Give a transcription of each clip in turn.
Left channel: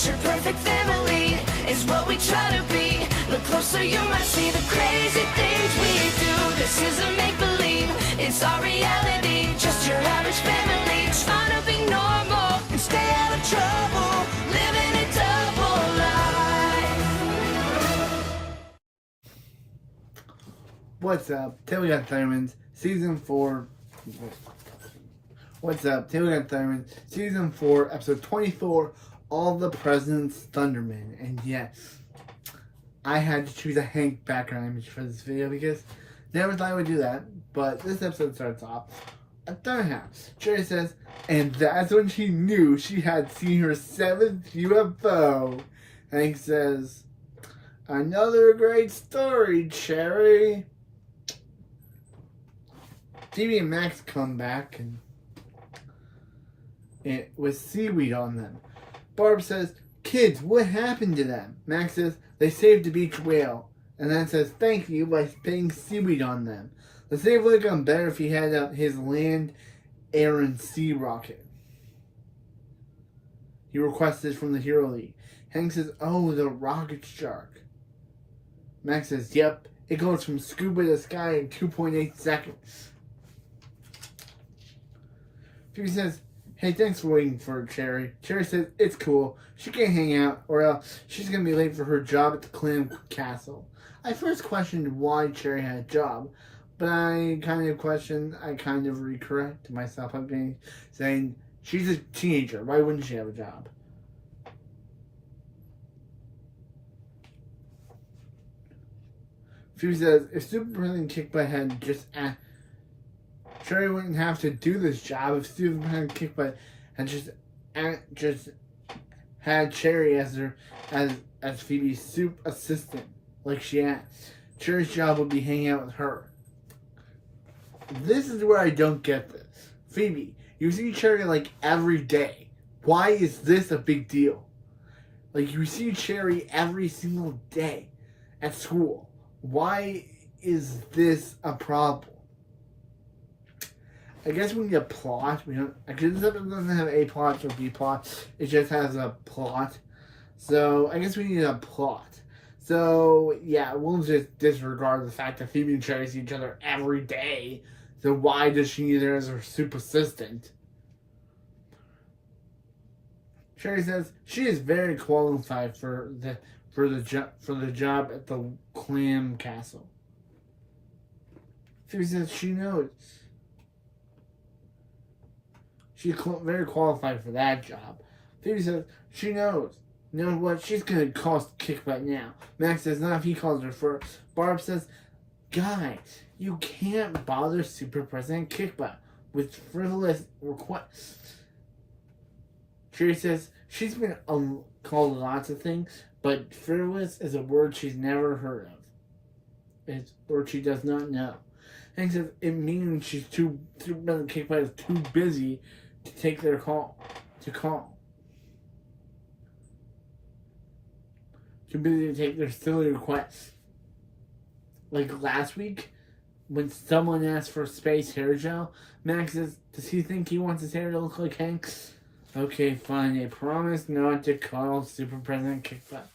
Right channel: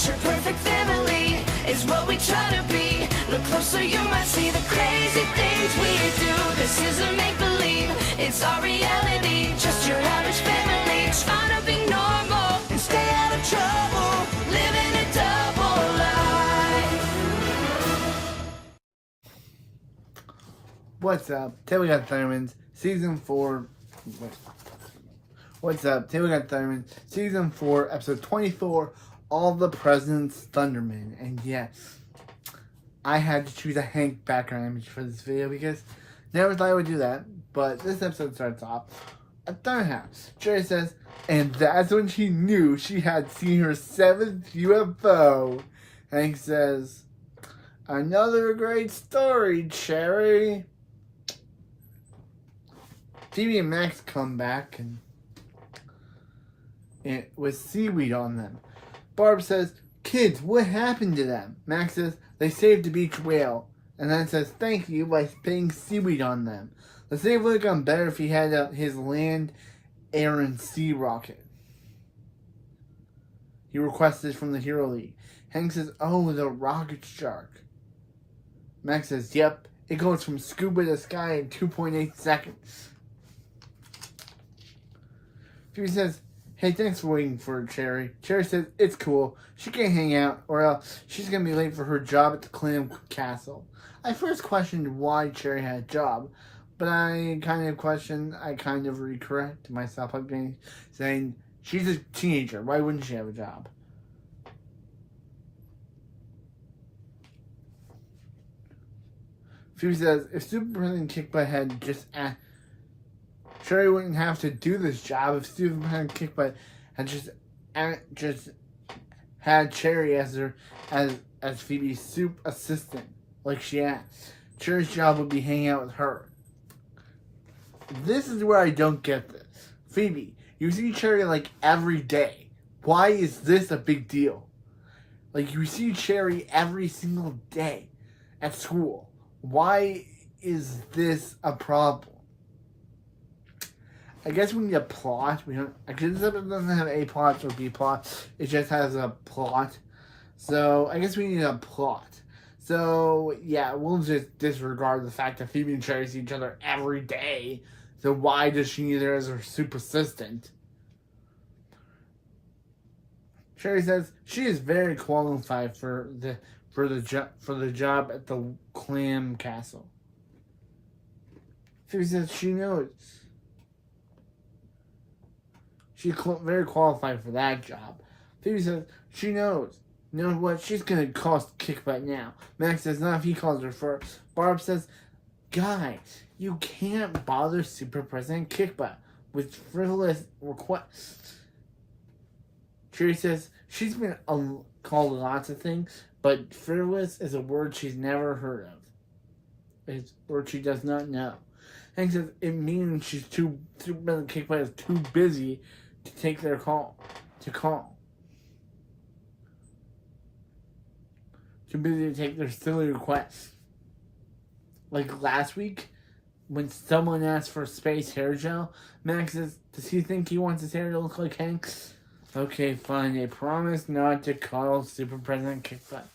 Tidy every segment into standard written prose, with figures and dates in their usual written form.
picture perfect family is what we try to be. Look closer, you might see the crazy things we do. This isn't make-believe, it's our reality. Just your average family trying to be normal and stay out of trouble, living a double life. What's up? Today we got Thurman's Season 4. What's up? Today we got Thurman's Season 4, Episode 24, All the President's Thundermen. And yes, I had to choose a Hank background image for this video because never thought I would do that. But this episode starts off at Thunderhouse. Cherry says, and that's when she knew she had seen her 7th UFO. Hank says, another great story, Cherry. Phoebe and Max come back and with seaweed on them. Barb says, kids, what happened to them? Max says, they saved the beach whale. And then says, thank you by spitting seaweed on them. The save would have gone better if he had his land, air, and sea rocket. He requested from the Hero League. Hank says, oh, the rocket shark. Max says, yep, it goes from scuba to sky in 2.8 seconds. Phoebe says, hey, thanks for waiting for Cherry. Cherry says, it's cool. She can't hang out, or else she's going to be late for her job at the Clam Castle. I first questioned why Cherry had a job, but I kind of recorrect myself. I'm saying, she's a teenager. Why wouldn't she have a job? Phoebe says, if Super President Kickbutt had just asked, Cherry wouldn't have to do this job if Super President Kickbutt had just had Cherry as Phoebe's soup assistant, like she asked. Cherry's job would be hanging out with her. This is where I don't get this. Phoebe, you see Cherry like every day. Why is this a big deal? Like, you see Cherry every single day at school. Why is this a problem? I guess we need a plot. We don't. Because this episode doesn't have A plot or B plot. It just has a plot. So I guess we need a plot. So yeah, we'll just disregard the fact that Phoebe and Cherry see each other every day. So why does she need her as her super assistant? Cherry says she is very qualified for the job at the Clam Castle. Phoebe says she knows. She's very qualified for that job. Phoebe says she knows. You know what? She's going to cost Kickbutt now. Max says not if he calls her first. Barb says, guys, you can't bother Super President Kickbutt with frivolous requests. Cherry says she's been called lots of things, but frivolous is a word she's never heard of. It's a word she does not know. Hank says it means Super President Kickbutt is too busy to take their call. Too busy to take their silly requests. Like last week, when someone asked for space hair gel, Max says, does he think he wants his hair to look like Hank? Okay, fine, they promise not to call Super President Kickbutt.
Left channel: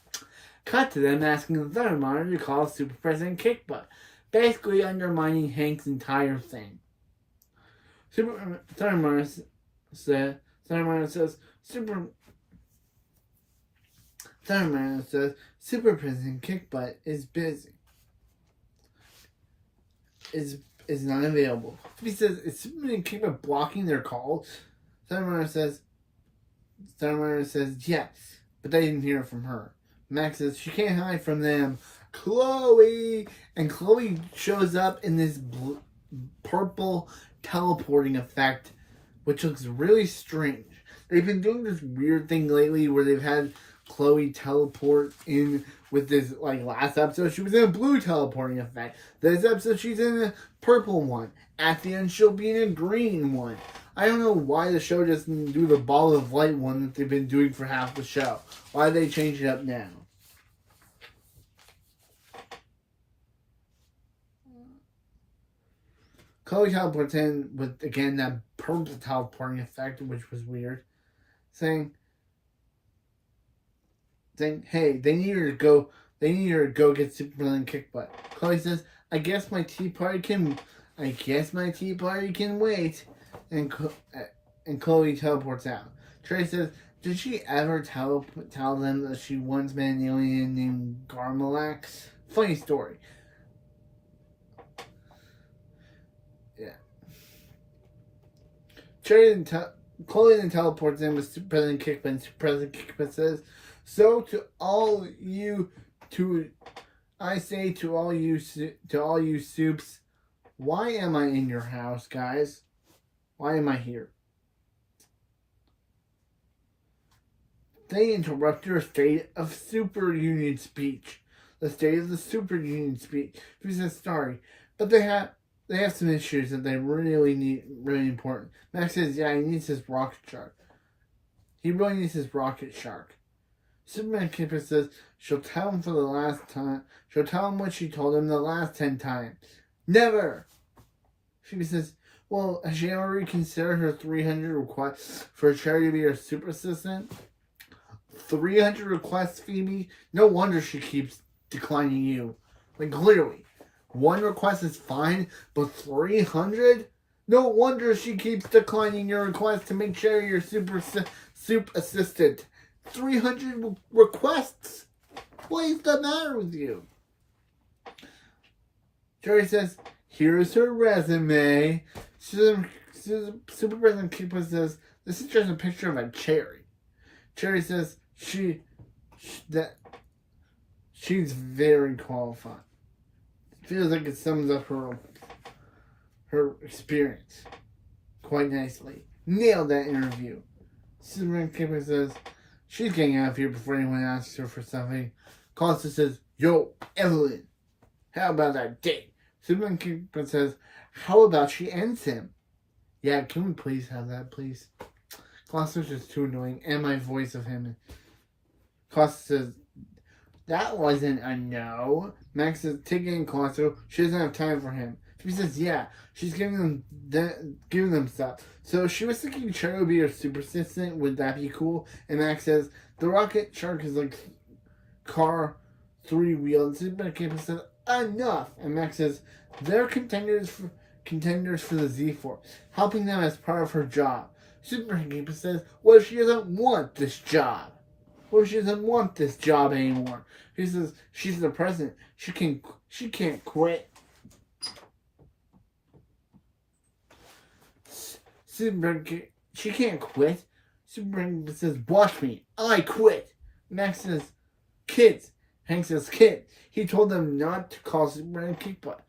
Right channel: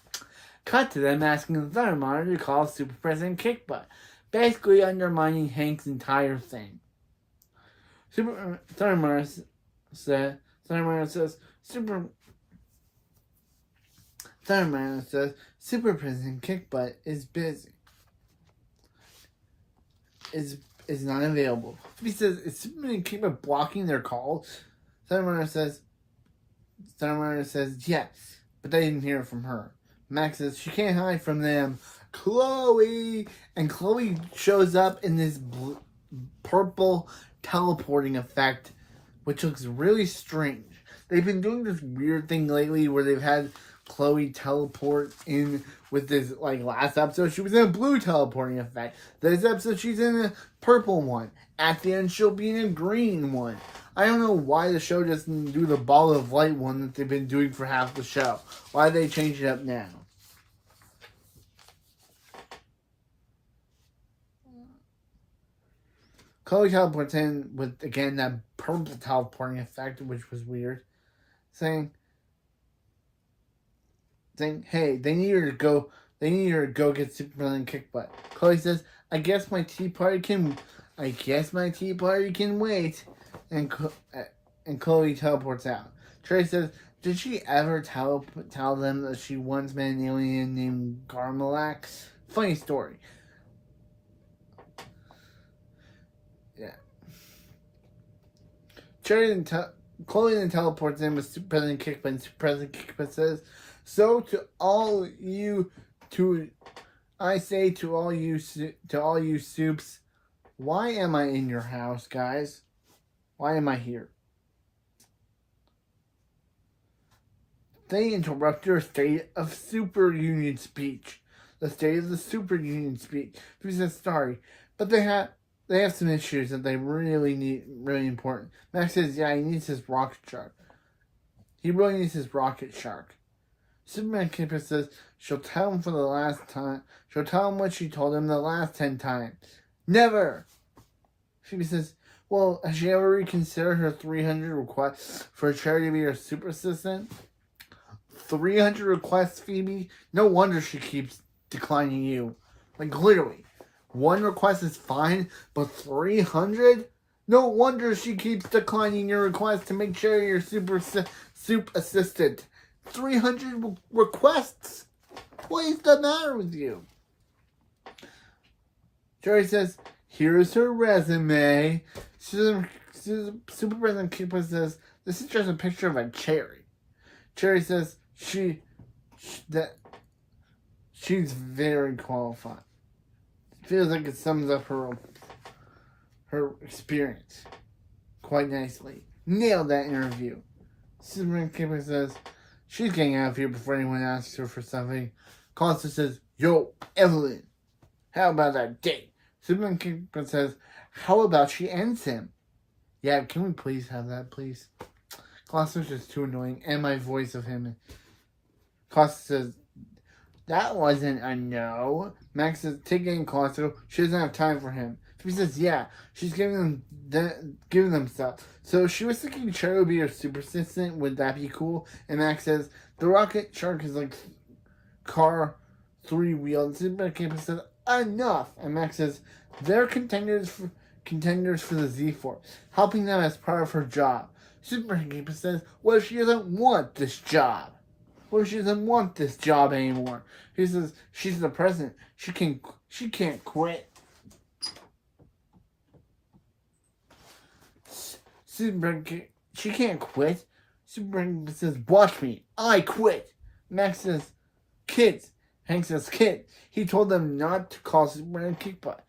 Cut to them asking the Thunder Monitor to call Super President Kickbutt, basically undermining Hank's entire thing. Thunder Monitor says, Super President Kickbutt is busy. Is not available. He says, is Super President Kickbutt blocking their calls? Thunder Monitor says yes, but they didn't hear from her. Max says she can't hide from them. Chloe! And Chloe shows up in this purple teleporting effect, which looks really strange. They've been doing this weird thing lately where they've had Chloe teleport in with this, like last episode, she was in a blue teleporting effect. This episode, she's in a purple one. At the end, she'll be in a green one. I don't know why the show doesn't do the ball of light one that they've been doing for half the show. Why they change it up now? Chloe teleports in with, again, that purple teleporting effect, which was weird. Saying, saying, hey, they need her to go get Superman kickbutt. Chloe says, I guess my tea party can wait. And Chloe teleports out. Trey says, did she ever tell them that she once met an alien named Garmalax? Funny story. Yeah. Chloe then teleports in with President Kickbutt. President Kickbutt says, so to all you soups, why am I in your house, guys? Why am I here? They interrupt your State of Super Union speech. The State of the Super Union speech. Who says sorry, but they have some issues that they really important. Max says, yeah, he needs his rocket shark. He really needs his rocket shark. Superman Keeper says she'll tell him for the last time. She'll tell him what she told him the last 10 times. Never! Phoebe says, well, has she ever reconsidered her 300 requests for a charity to be her super assistant? 300 requests, Phoebe? No wonder she keeps declining you. Like, literally. One request is fine, but 300? No wonder she keeps declining your request to make sure you're soup assistant. 300 requests? What is the matter with you? Jerry says, here's her resume. Super President Keeper says, this is just a picture of a cherry. Cherry says she's very qualified. Feels like it sums up her experience quite nicely. Nailed that interview. Superman Keeper says she's getting out of here before anyone asks her for something. Constance says, yo, Evelyn, how about that date? Superman Keeper says, how about she ends him? Yeah, can we please have that, please? Constance is too annoying, and my voice of him. Constance says, that wasn't a no. Max says, taking Constance, she doesn't have time for him. She says, yeah, she's giving them stuff. So she was thinking Cherry would be her super assistant. Would that be cool? And Max says, the rocket shark is like car 3-wheeled. Superman Keeper says, enough. And Max says, they're contenders for the Z-Force, helping them as part of her job. Superman Keeper says, what if she doesn't want this job? What if she doesn't want this job anymore? He says, she's the president. She can't quit. She can't quit. Superman says, watch me. I quit. Max says, kids. Hank says, kid. He told them not to call Superman Kickbutt.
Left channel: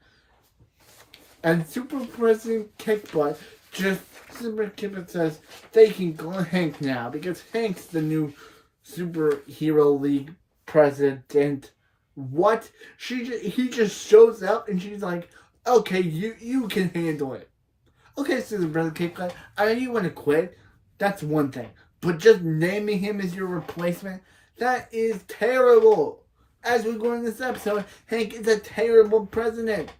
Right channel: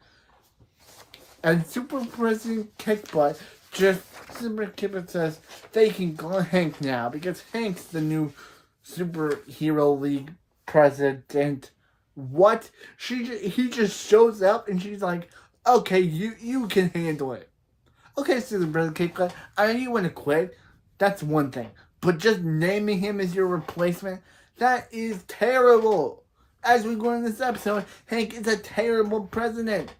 And Super President Kickbutt Superman Kickbutt says they can call Hank now because Hank's the new Superhero League president. What? He just shows up and she's like, okay, you can handle it. Okay, Superman Kickbutt, I know you want to quit. That's one thing. But just naming him as your replacement, that is terrible. As we go in this episode, Hank is a terrible president.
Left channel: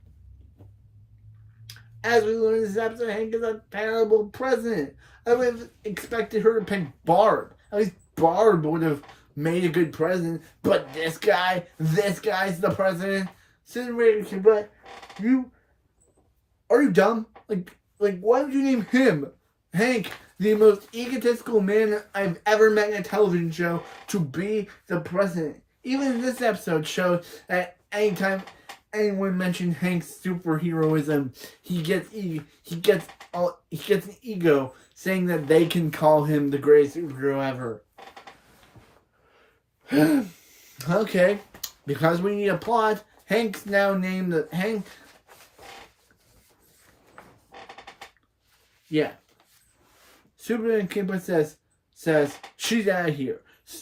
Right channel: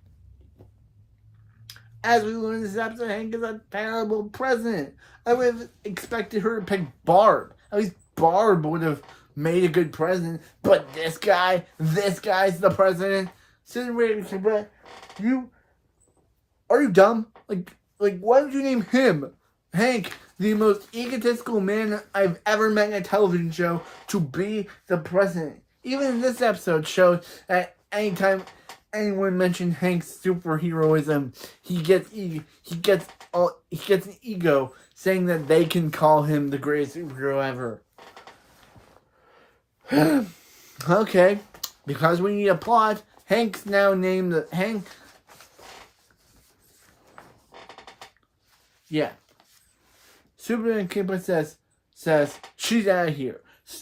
As we learn in this episode, Hank is a terrible president. I would have expected her to pick Barb. At least Barb would have made a good president. But this guy's the president. But are you dumb? Like, why would you name him, Hank, the most egotistical man I've ever met in a television show, to be the president? Even in this episode shows that anytime anyone mentioned Hank's superheroism, he gets an ego, saying that they can call him the greatest superhero ever. Okay, because we need a plot, Hank's now named Hank. Yeah. Superman Kickbutt says she's out of here.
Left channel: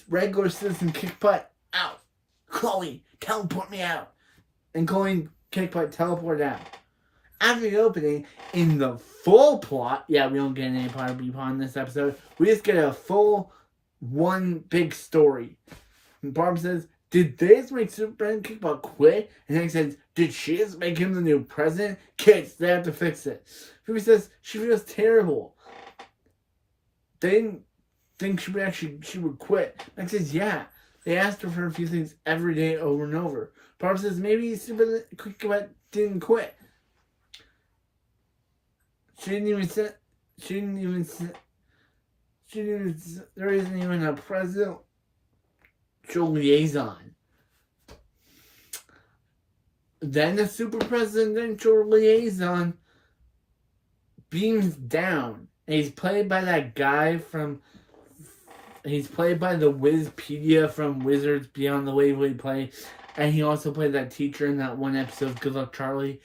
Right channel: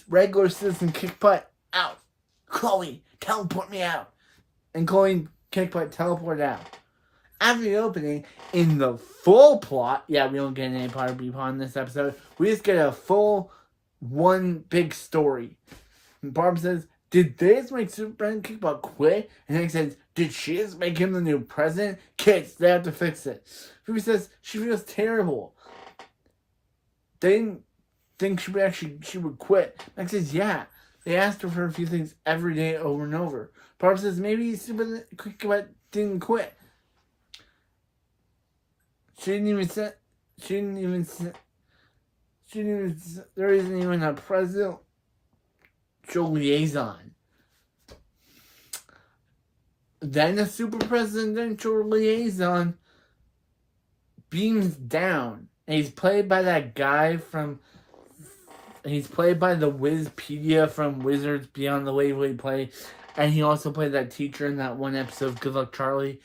Regular citizen Kickbutt out. Chloe, teleport me out. And Chloe Kickbutt teleport out. After the opening, in the full plot, yeah, we don't get any part of B-Pod in this episode. We just get a full one big story. And Barb says, did they just make Superman Kickbutt quit? And Hank says, did she just make him the new president? Kids, they have to fix it. Phoebe says she feels terrible. They didn't think she would quit. Max says, yeah, They asked her for a few things every day over and over. Barb says maybe stupid kickbutt didn't quit. She didn't even say. She didn't even say. There isn't even a presidential liaison. Then the super presidential liaison beams down. And he's played by that guy from... He's played by the Wizpedia from Wizards Beyond the Waverly Play. And he also played that teacher in that one episode of Good Luck Charlie.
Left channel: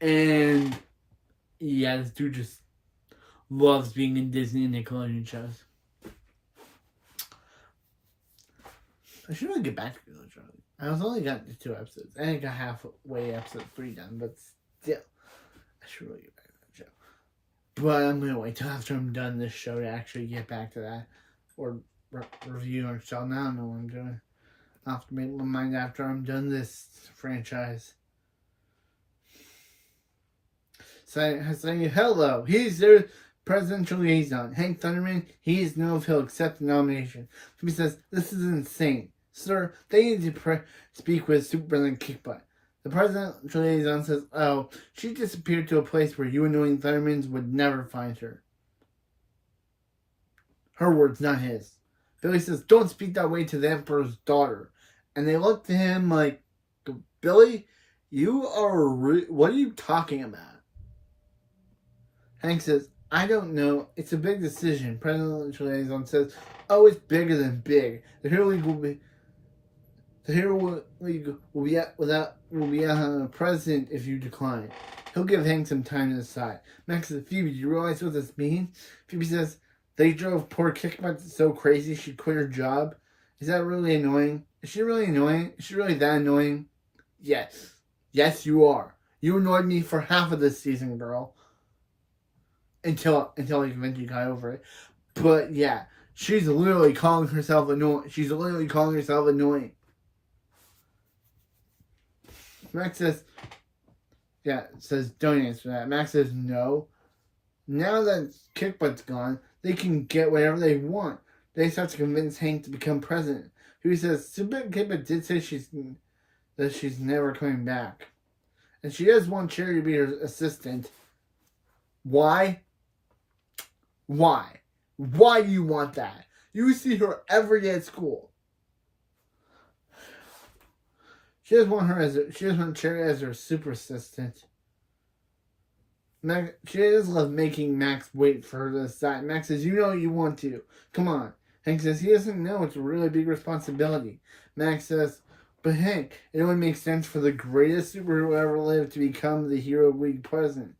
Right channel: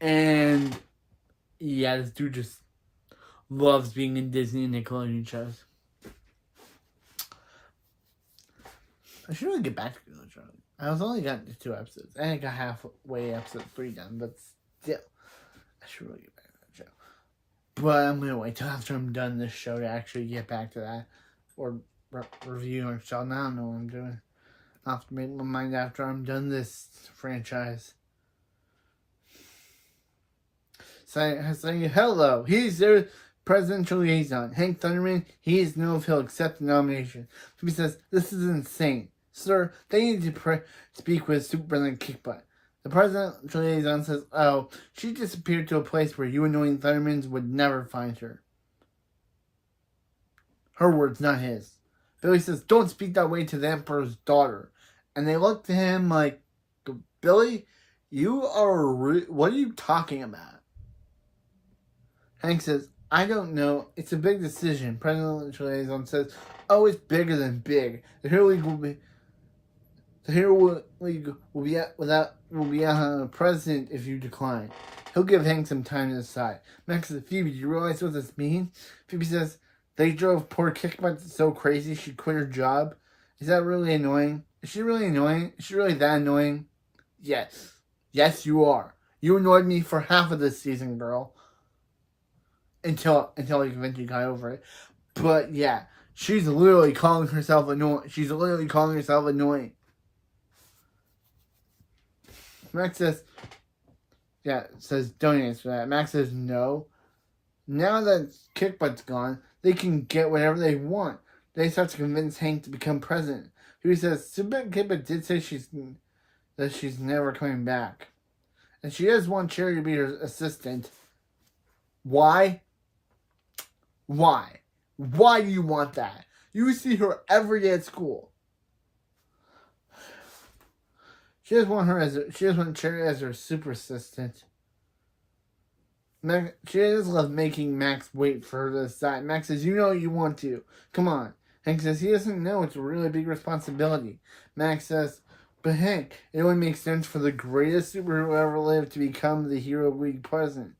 And... yeah, this dude just loves being in Disney and Nickelodeon shows. I should really get back to Good Luck Charlie. I was only got to 2 episodes. And I got halfway episode 3 done. But still, I should really get back to that show. But I'm going to wait till after I'm done this show to actually get back to that. Or review or show. Now I don't know what I'm doing. I'll have to make my mind after I'm done this franchise. Saying hello, he's their presidential liaison. Hank Thunderman, he doesn't know if he'll accept the nomination. He says, this is insane. Sir, they need to speak with Superintendent Kickbutt. The presidential liaison says, oh, she disappeared to a place where you annoying Thundermans would never find her. Her words, not his. Billy says, don't speak that way to the Emperor's daughter. And they look to him like, Billy, you are what are you talking about? Hank says, I don't know. It's a big decision. Presidential liaison says, oh, it's bigger than big. The Hero League will be out president if you decline. He'll give Hank some time to decide. Max says, Phoebe, do you realize what this means? Phoebe says, they drove poor Kickbutt so crazy she quit her job. Is that really annoying? Is she really annoying? Is she really that annoying? Yes. Yes, you are. You annoyed me for half of this season, girl. Until he eventually got over it. But yeah, she's literally calling herself annoying. She's literally calling herself annoying. Max says, don't answer that. Max says, no. Now that Kickbutt's gone, they can get whatever they want. They start to convince Hank to become president. He says, Super Kickbutt did say she's never coming back. And she does want Cherry to be her assistant. Why? Why? Why do you want that? You see her every day at school. She doesn't want Cherry as her super assistant. She does love making Max wait for her to decide. Max says, you know you want to. Come on. Hank says, he doesn't know. It's a really big responsibility. Max says, but Hank, it only makes sense for the greatest superhero ever lived to become the Hero League president.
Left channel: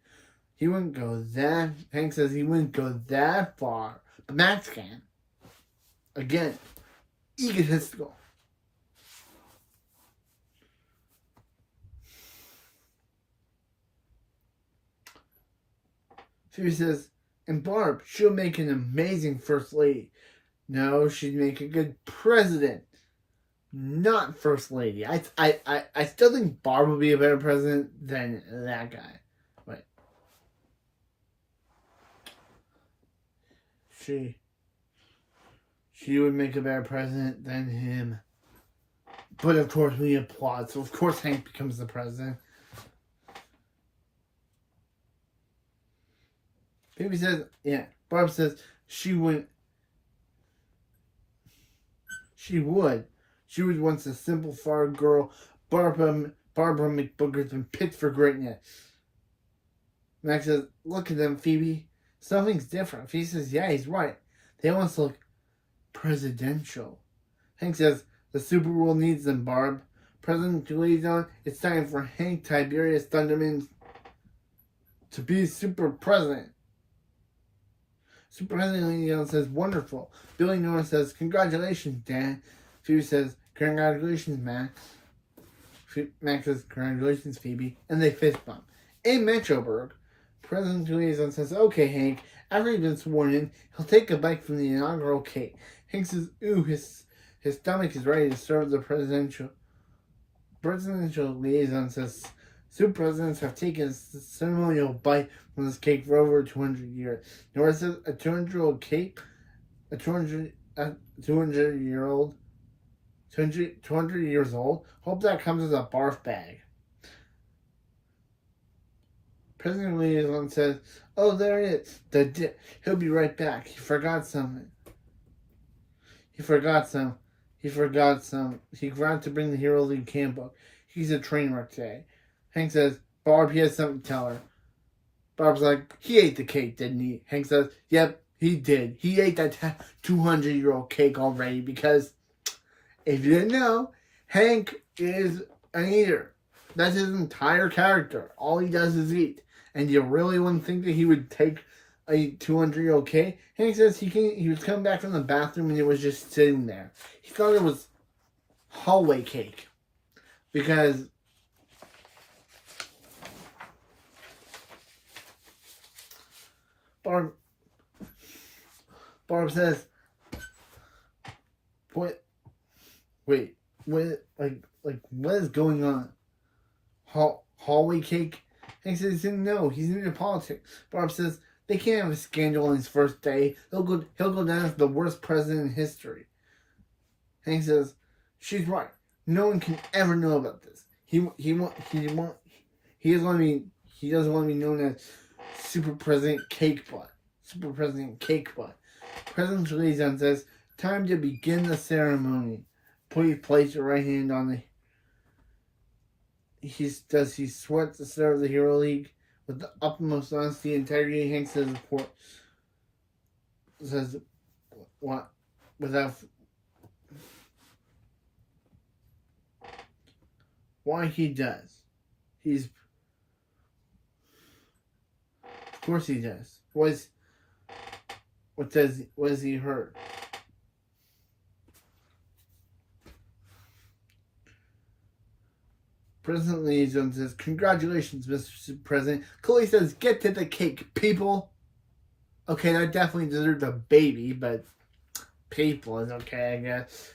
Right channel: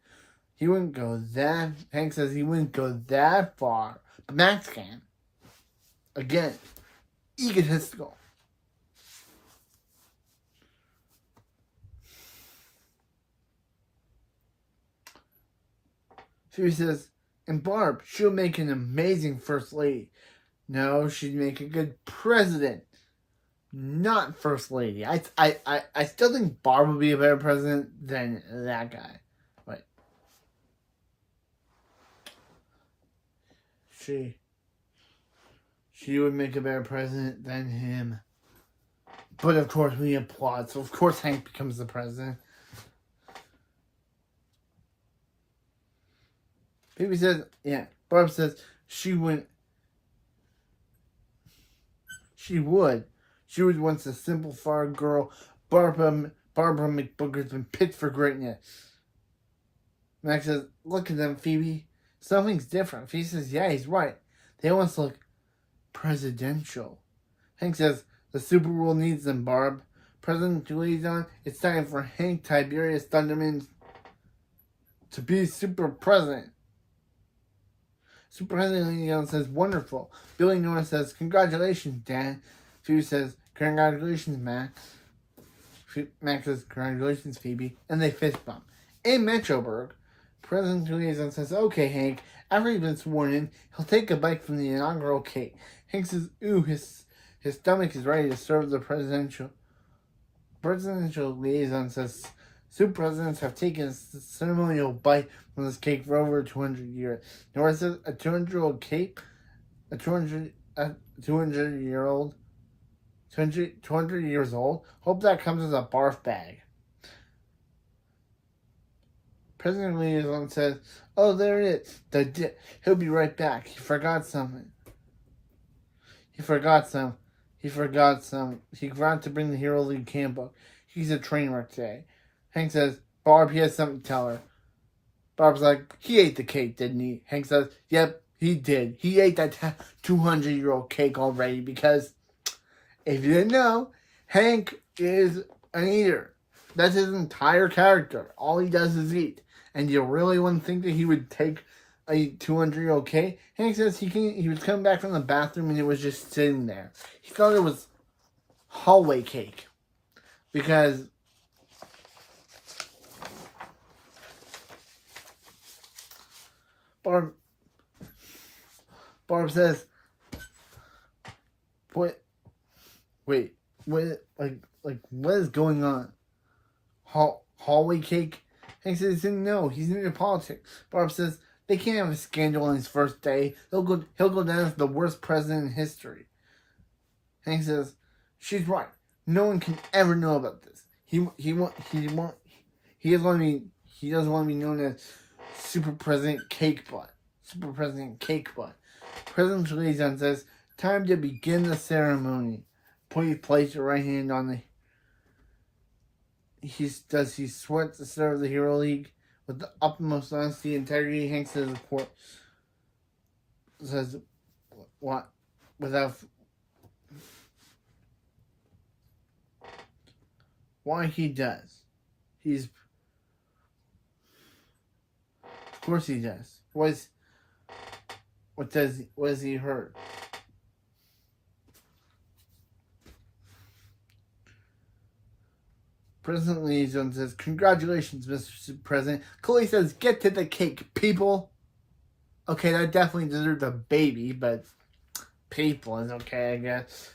He wouldn't go that... Hank says he wouldn't go that far. But Max can. Again, egotistical. She says, and Barb, she'll make an amazing first lady. No, she'd make a good president. Not first lady. I still think Barb would be a better president than that guy. Wait. She would make a better president than him. But of course we applaud. So of course Hank becomes the president. Phoebe says, yeah. Barb says she would. She would once a simple farm girl. Barbara McBooker's been picked for greatness. Max says, look at them, Phoebe. Something's different. Phoebe says, yeah, he's right. They almost look presidential. Hank says, the super world needs them, Barb. President Liaison, it's time for Hank Tiberius Thunderman to be super president. Super President Liaison says, wonderful. Billy Noah says, congratulations, Dad. Phoebe says, congratulations, Max. Max says, congratulations, Phoebe. And they fist bump. In Metroburg, President Liaison says, okay, Hank, after he's been sworn in, he'll take a bite from the inaugural cake. Hank says, ooh, his stomach is ready to serve the presidential liaison says, super presidents have taken a ceremonial bite from this cake for over 200 years. Nora says, a 200-year-old cake? A 200-year-old 200 years old. Hope that comes as a barf bag. President Liaison says, "Oh, there it is. He'll be right back. He forgot something. He forgot some. He forgot to bring the Hero League handbook. He's a train wreck today." Hank says, "Barb, he has something to tell her." Barb's like, "He ate the cake, didn't he?" Hank says, "Yep, he did. He ate that 200-year-old cake already because, if you didn't know, Hank is an eater. That's his entire character. All he does is eat. And you really wouldn't think that he would take a 200-year-old cake?" Hank says he was coming back from the bathroom and it was just sitting there. He thought it was hallway cake. Because Barb says, what is going on? Hallway cake? Hank says he didn't know. He's into politics. Barb says they can't have a scandal on his first day. He'll go down as the worst president in history. Hank says she's right. No one can ever know about this. He doesn't want to be known as Super President Cakebutt. Super President Cakebutt. President Liaison says, "Time to begin the ceremony." Place your right hand on the. He sweat to serve the Hero League with the utmost honesty and integrity. Hank says, "What? Without." Why he does? Of course he does. What has he heard? President Liaison says, "Congratulations, Mr. President." Chloe says, "Get to the cake, people." Okay, that definitely deserves a baby, but people is okay, I guess.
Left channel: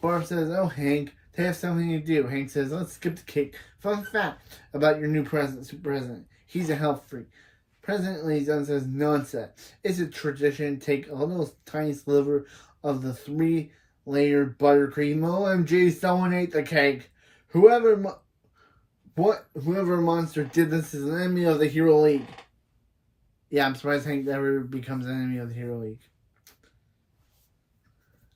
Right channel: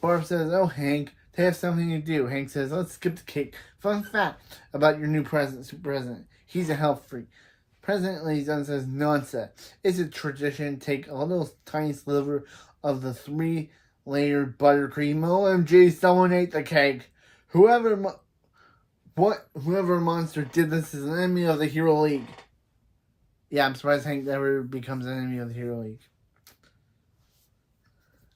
Barb says, "Oh, Hank, they have something to do." Hank says, "Let's skip the cake. Fun fact about your new president, Super President. He's a health freak." President Liaison says, "Nonsense. It's a tradition to take a little tiny sliver of the 3-layered buttercream. OMG, someone ate the cake. Whoever monster did this is an enemy of the Hero League." Yeah, I'm surprised Hank never becomes an enemy of the Hero League.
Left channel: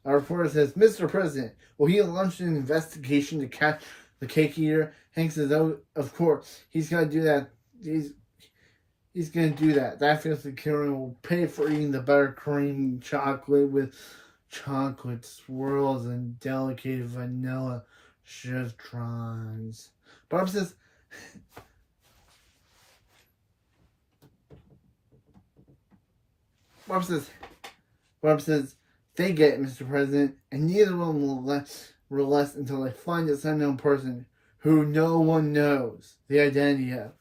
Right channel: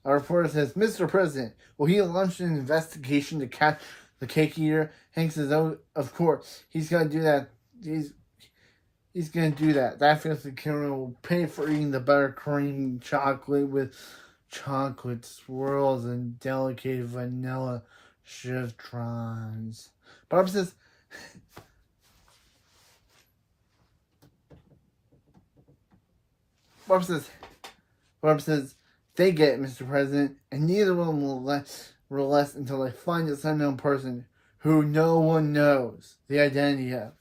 A reporter says, "Mr. President, will he launch an investigation to catch the cake eater?" Hank says, "Oh, of course. He's going to do that. He's going to do that. That filthy killer will pay for eating the buttercream chocolate with chocolate swirls and delicate vanilla chiffons." Barb says, "They get it, Mr. President, and neither of them will relent until they find this unknown person who no one knows the identity of."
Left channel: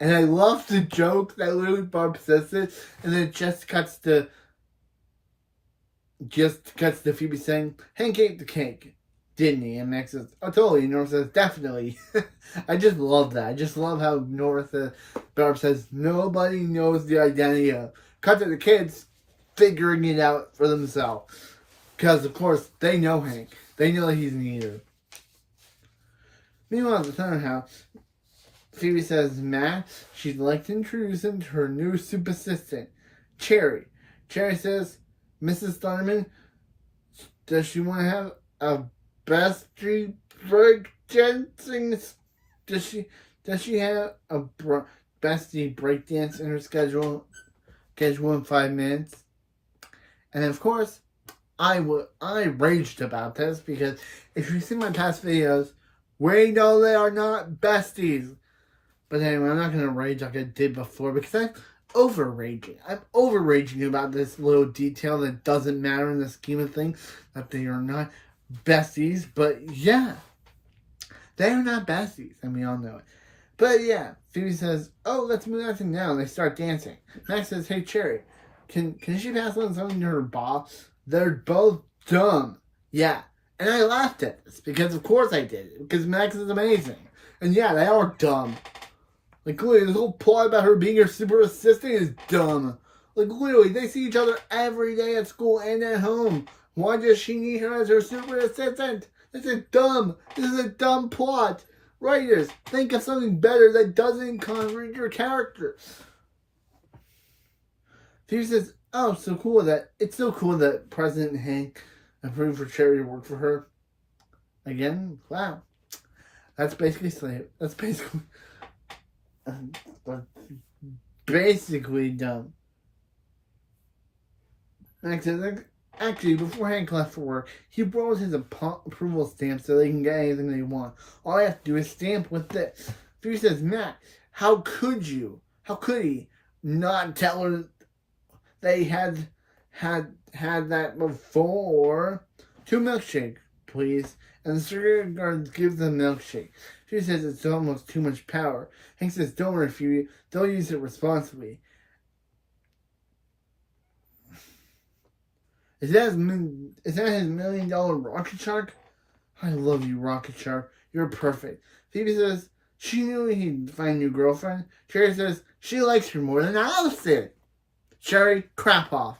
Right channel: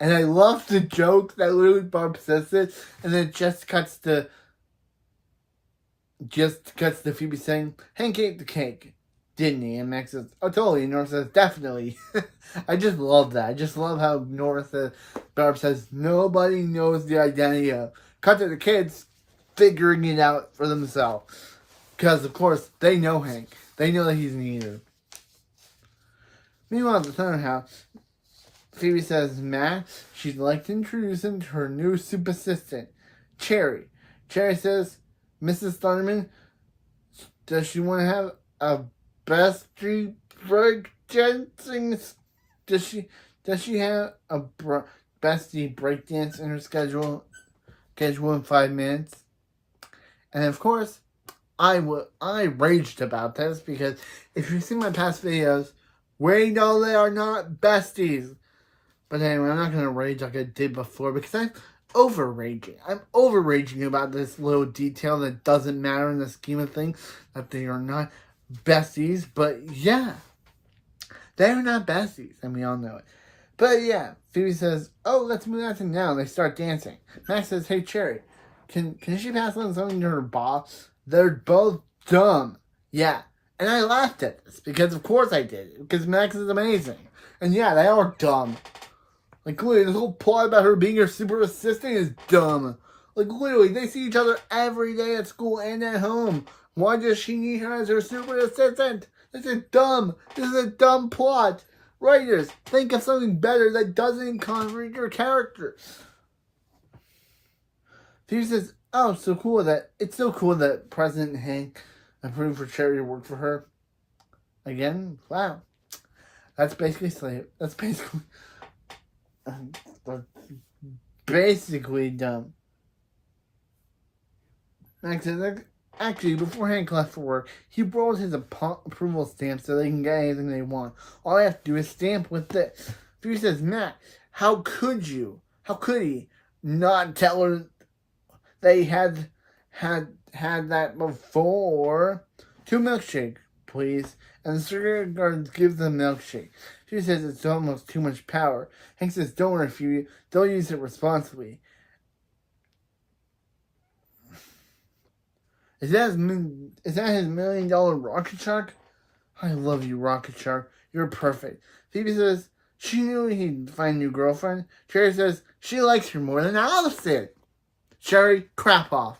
And I love the joke that literally Barb says it, and then it just cuts to Phoebe saying, "Hank ate the cake, didn't he?" And Max says, "Oh, totally." And Nora says, "Definitely." I just love that. I just love how Barb says, "Nobody knows the identity of." Cut to the kids figuring it out for themselves. Because, of course, they know Hank. They know that he's an eater. Meanwhile, at the Thunder House, Phoebe says Max, she'd like to introduce him to her new super assistant, Cherry. Cherry says, "Mrs. Thunderman, does she want to have a bestie break dancing? Does she have a bestie break dance in her schedule in 5 minutes?" And of course, I raged about this because if you see my past videos, we know they are not besties. But anyway, I'm not going to rage like I did before because I'm over-raging. I'm over-raging about this little detail that doesn't matter in the scheme of things, that they are not besties. But yeah, they are not besties, and we all know it. But yeah, Phoebe says, "Oh, let's move on to now." And they start dancing. Max says, "Hey, Cherry, can she pass on something to her boss? They're both dumb." Yeah, and I laughed at this because of course I did. Because Max is amazing. And yeah, they are dumb. Like, literally, this whole plot about her being her super assistant is dumb. Like, literally, they see each other every day at school and at home. Why does she need her as her super assistant? This is dumb. This is a dumb plot. Writers, think of something better that doesn't contradict your character. Phoebe says, "Oh, it's so cool that President Hank approved for Cherry to work for her." Again, wow. That's basically That's basically dumb. Actually, before Hank left for work, he borrows his approval stamp so they can get anything they want. All I have to do is stamp with this. Phoebe says, "Matt, how could he not tell her that he had that before?" "2 milkshake, please." And the security guard gives them milkshake. She says it's almost too much power. Hank says, "Don't worry, Phoebe. They'll use it responsibly." Is that his $1 million rocket shark? "I love you, rocket shark. You're perfect." Phoebe says she knew he'd find a new girlfriend. Cherry says she likes her more than Allison. Cherry, crap off.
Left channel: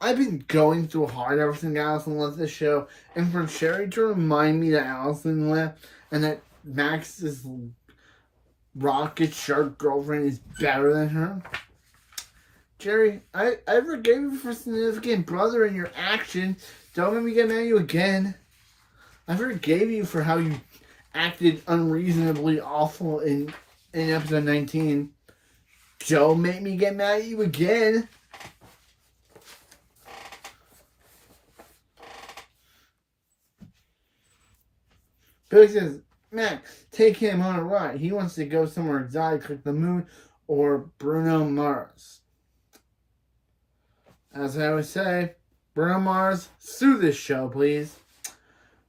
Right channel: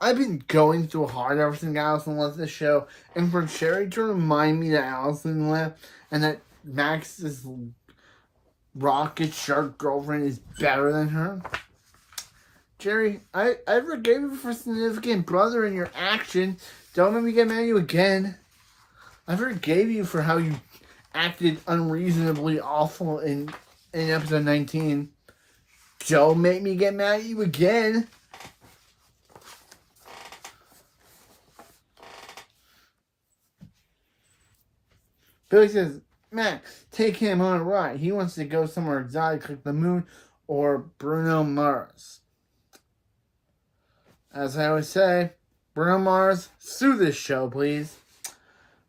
I've been going through hard ever since Allison left the show, and for Cherry to remind me that Allison left and that Max's rocket shark girlfriend is better than her. Jerry, I forgave you for significant brother in your action. Don't let me get mad at you again. I forgave you for how you acted unreasonably awful in episode 19. Don't make me get mad at you again. Billy says, "Max, take him on a ride. He wants to go somewhere exotic like the moon or Bruno Mars." As I always say, Bruno Mars, sue this show, please.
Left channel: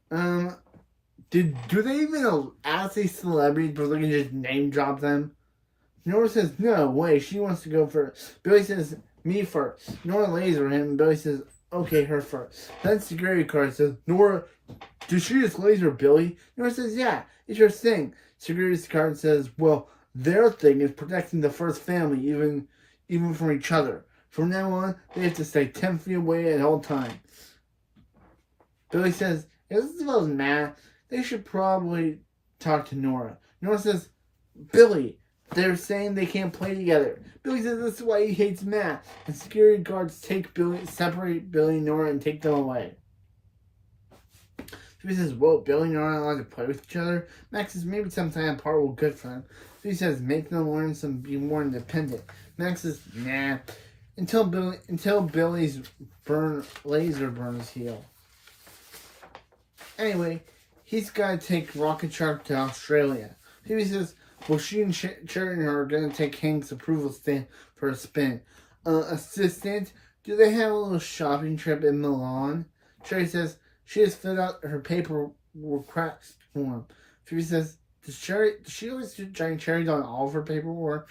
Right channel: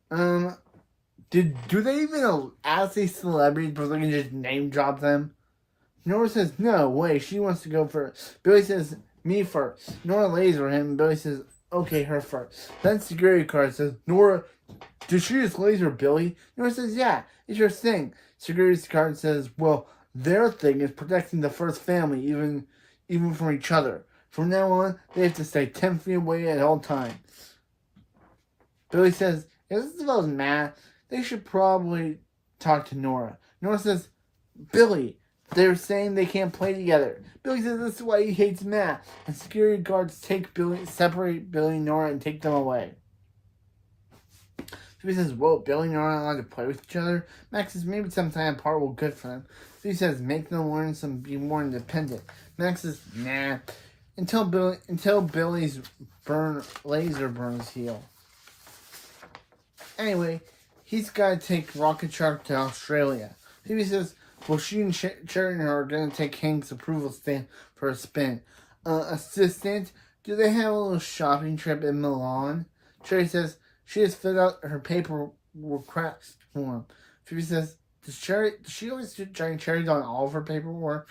Do they even ask these celebrities but they can just name drop them? Nora says, "No way, she wants to go first." Billy says, "Me first." Nora laser him. Billy says, "Okay, her first." Then security guard says, "Nora, did she just laser Billy?" Nora says, "Yeah, it's your thing." Security guard says, "Well, their thing is protecting the first family, even from each other. From now on, they have to stay 10 feet away at all times." Billy says, "If this about Matt, they should probably talk to Nora." Nora says, "Billy, they're saying they can't play together." Billy says this is why he hates Matt. And security guards separate Billy and Nora and take them away. Billy says, "Whoa, Billy and Nora aren't allowed to play with each other?" Max says, "Maybe some time apart will be good for them." Billy says, "Make them learn be more independent." Max says, "Nah. Until Billy's laser burns heal." Anyway, he's got to take Rocket Shark to Australia. Phoebe says, "Well, she and Cherry are going to take Hank's approval stamp for a spin." Assistant, do they have a little shopping trip in Milan?" Cherry says she has filled out her paperwork request form. Phoebe says, does she always giant cherries on all of her paperwork?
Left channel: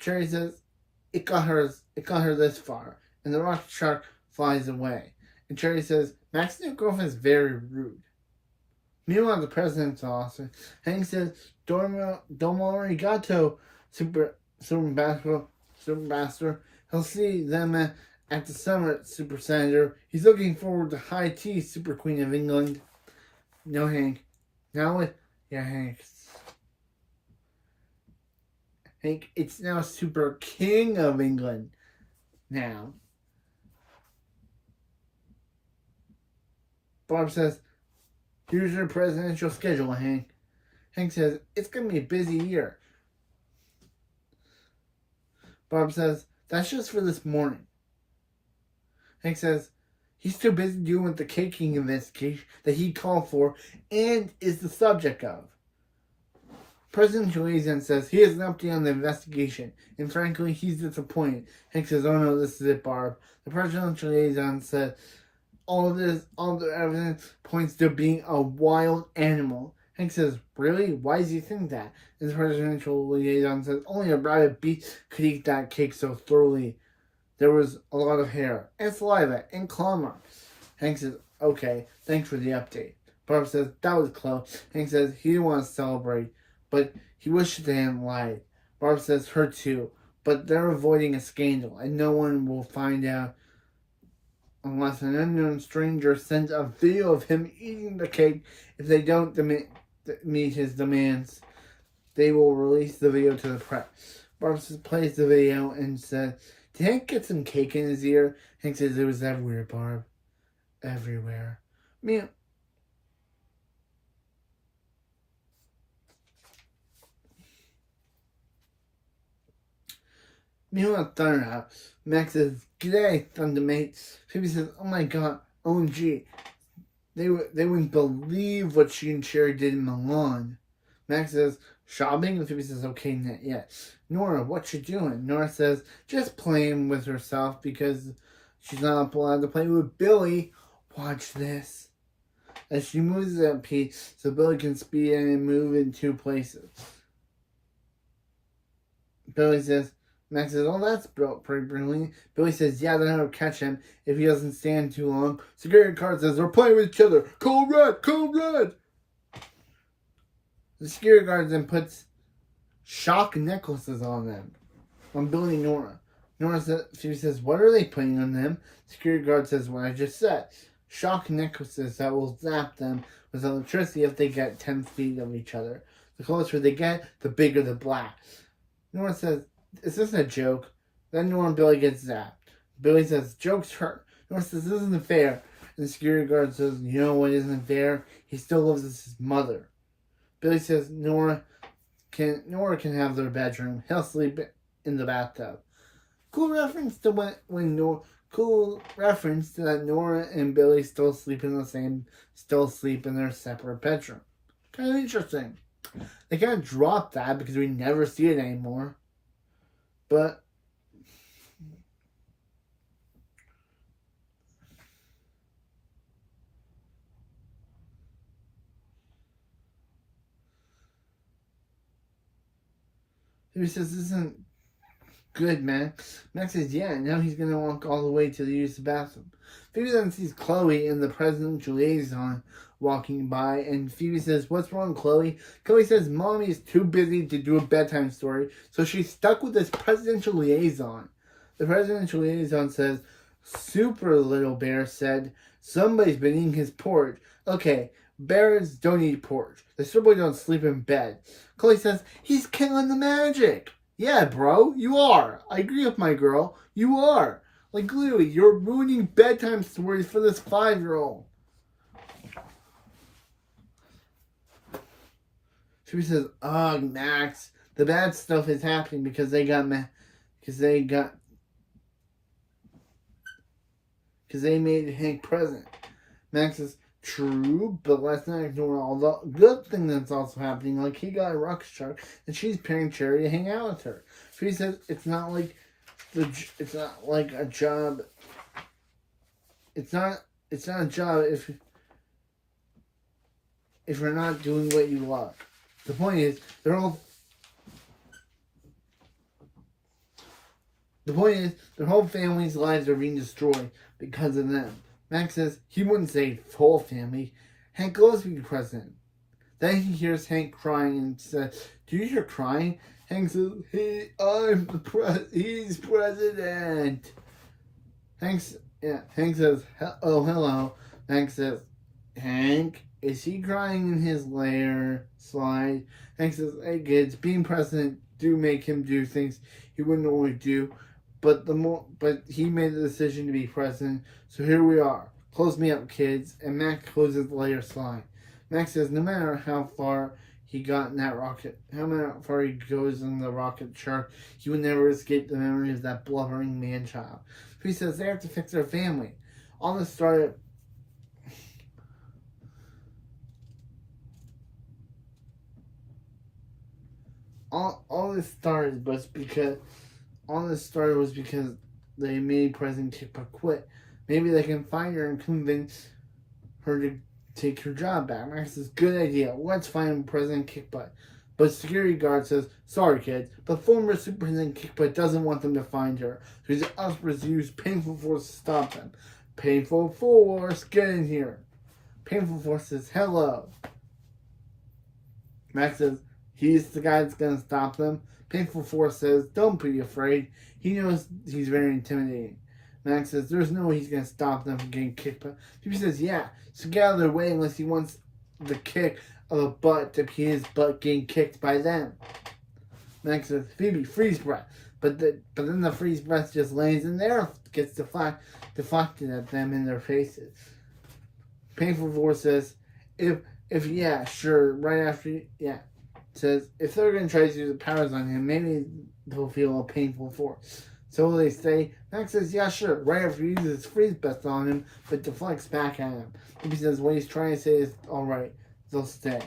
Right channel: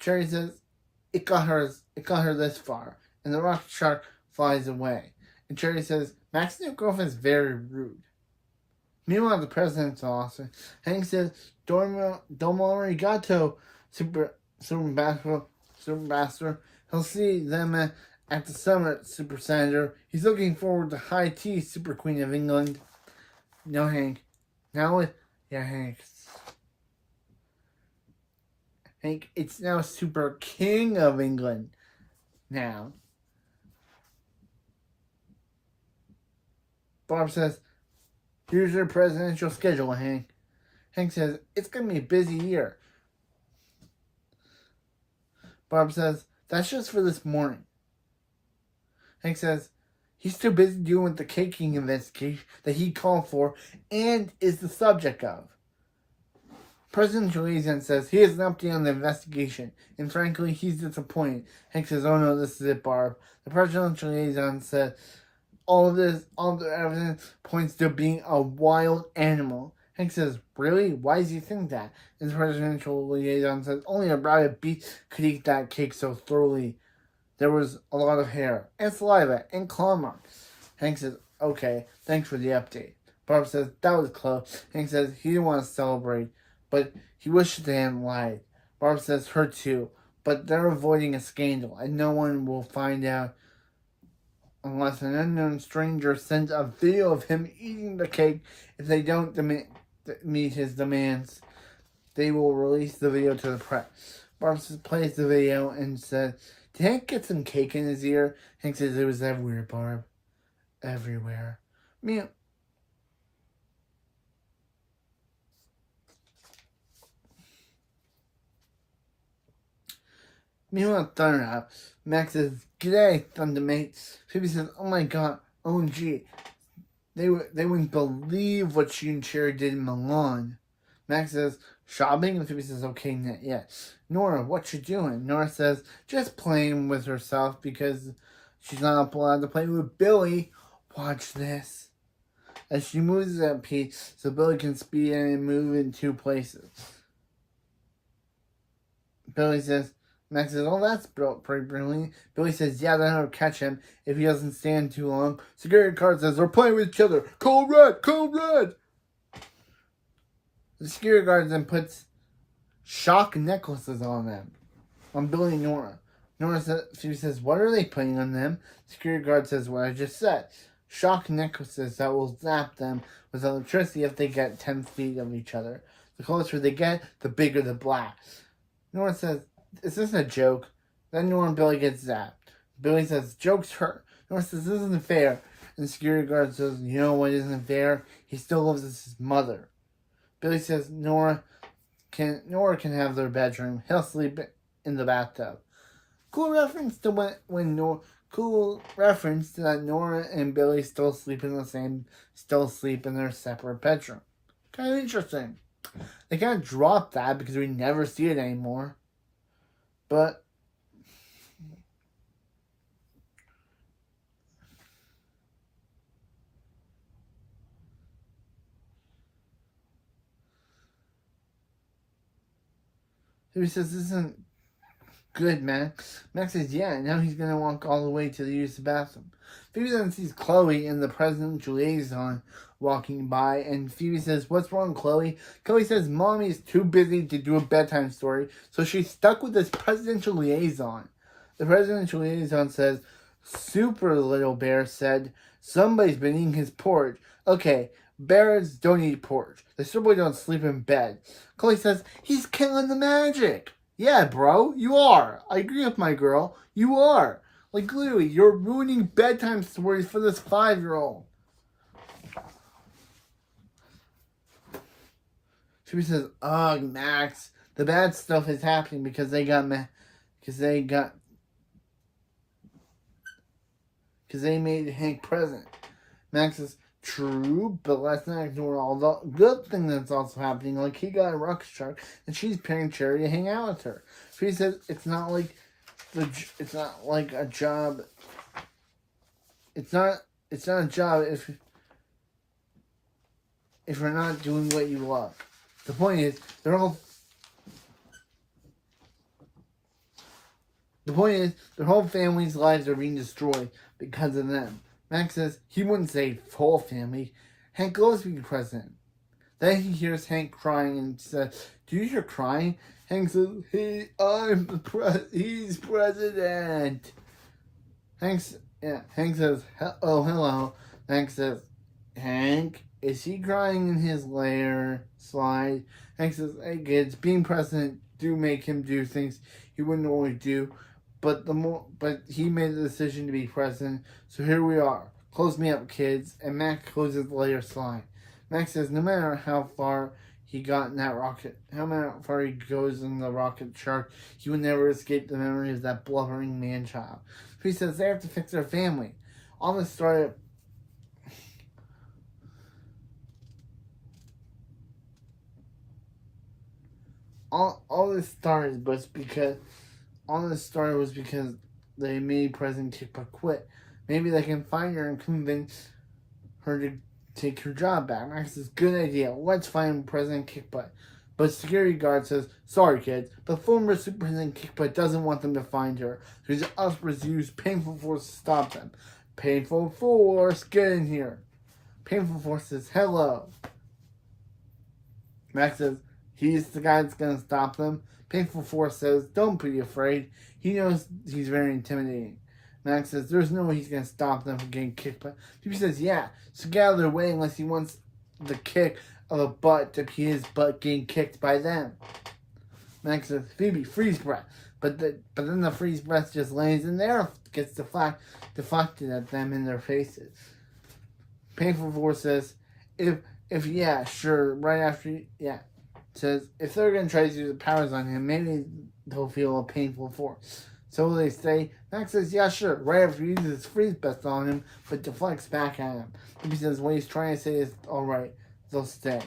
Cherry says, It got her this far, and the rocket shark flies away." And Cherry says, "Max's new girlfriend is very rude." Meanwhile, the president's office, Hank says, Domo arigato, Super Master. He'll see them at the summit, Super Senator. He's looking forward to high tea, Super Queen of England. No, Hank. Hank. Hank, it's now Super King of England. Now. Bob says, "Here's your presidential schedule, Hank." Hank says, "It's going to be a busy year." Bob says, "That's just for this morning." Hank says, "He's too busy dealing with the caking investigation that he called for and is the subject of." Presidential liaison says he has an update on the investigation, and frankly, he's disappointed. Hank says, "Oh no, this is it, Barb." The presidential liaison says, all the evidence points to being a wild animal." Hank says, "Really? Why does he think that?" And the presidential liaison says, "Only a rabid beast could eat that cake so thoroughly. There was a lot of hair, and saliva, and claw marks." Hank says, "Okay, thanks for the update." Barb says, "That was close." Hank says he didn't want to celebrate, but he wishes they hadn't lied. Barb says, "Her too, but they're avoiding a scandal, and no one will find out unless an unknown stranger sends a video of him eating the cake. If they don't meet his demands, they will release the video to the press. Barb plays the video and says, "Did Hank get some cake in his ear?" Hank says, "It was everywhere, Barb. Everywhere." Meanwhile, Thunder House, Max says, "G'day, Thundermate." Phoebe says, "Oh my god, OMG. They wouldn't believe what she and Sherry did in Milan." Max says, "Shopping?" And Phoebe says, "Okay, not yet." "Nora, what you doing?" Nora says, "Just playing with herself because she's not allowed to play with Billy." Watch this. As she moves at pace, so Billy can speed in and move in 2 places. Billy says, Max says, "Oh, that's pretty brilliant." Billy says, "Yeah, then I'll catch him if he doesn't stand too long." Security guard says, "We're playing with each other. Code red, code red." The security guard then puts shock necklaces on them, on Billy and Nora. She says, "What are they putting on them?" The security guard says, "What I just said. Shock necklaces that will zap them with electricity if they get 10 feet of each other. The closer they get, the bigger the blast." Nora says, "Is this a joke?" Then Nora and Billy get zapped. Billy says, "Joke's hurt." Nora says, "This isn't fair." And the security guard says, "You know what isn't fair? He still lives with his mother." Billy says Nora can have their bedroom. He'll sleep in the bathtub. Cool reference to that Nora and Billy still sleep in their separate bedroom. Kind of interesting. They kind of dropped that because we never see it anymore. But he says, "This isn't good, Max." Max says, "Yeah, now he's going to walk all the way to use the bathroom." Phoebe then sees Chloe and the presidential liaison walking by, and Phoebe says, "What's wrong, Chloe?" Chloe says, "Mommy is too busy to do a bedtime story, so she's stuck with this presidential liaison." The presidential liaison says, "Super Little Bear said somebody's been eating his porridge." Okay, bears don't eat porridge. The super don't sleep in bed. Chloe says, "He's killing the magic." Yeah, bro, you are. I agree with my girl. You are. Like, literally, you're ruining bedtime stories for this 5-year-old. She says, "Ugh, Max, the bad stuff is happening because they made Hank president." Max says, "True, but let's not ignore all the good thing that's also happening. Like, he got a rocket shark, and she's paying Cherry to hang out with her." She says, it's not like a job. It's not a job if you're not doing what you love." The point is, their whole family's lives are being destroyed because of them. Max says he wouldn't say whole family. Hank loves being president. Then he hears Hank crying and says, "Do you hear crying?" Hank says, "He's president." Hank says, "Oh, hello." Hank says, "Hank, is he crying in his lair slide?" Hank says, "Hey kids, being president do make him do things he wouldn't normally do, but he made the decision to be president, so here we are. Close me up, kids." And Max closes the lair slide. Max says, "No matter how far he got in that rocket, no matter how far he goes in the rocket shark, he would never escape the memory of that blubbering man-child." He says they have to fix their family. All this started was because they made President Kickbutt quit. Maybe they can find her and convince her to take her job back. Max says, "Good idea. Let's find President Kickbutt." But security guard says, "Sorry, kids, but former Superintendent Kickbutt doesn't want them to find her. So he's us to use painful force to stop them." Painful force, get in here. Painful force says, "Hello." Max says, "He's the guy that's going to stop them." Painful force says, "Don't be afraid. He knows he's very intimidating." Max says there's no way he's going to stop them from getting kicked. But Phoebe says, yeah, so get out of their way unless he wants the kick of a butt to be his butt getting kicked by them. Max says, Phoebe, freeze breath. But then the freeze breath just lands in there, gets deflected at them in their faces. Painful Force says, if yeah, sure, right after, yeah. Says, if they're going to try to use the powers on him, maybe they'll feel a painful force. So they say, Max says, yeah, sure, right after he uses freeze breath on him, but deflects back at him. He says, what he's trying to say is, alright, they'll stay.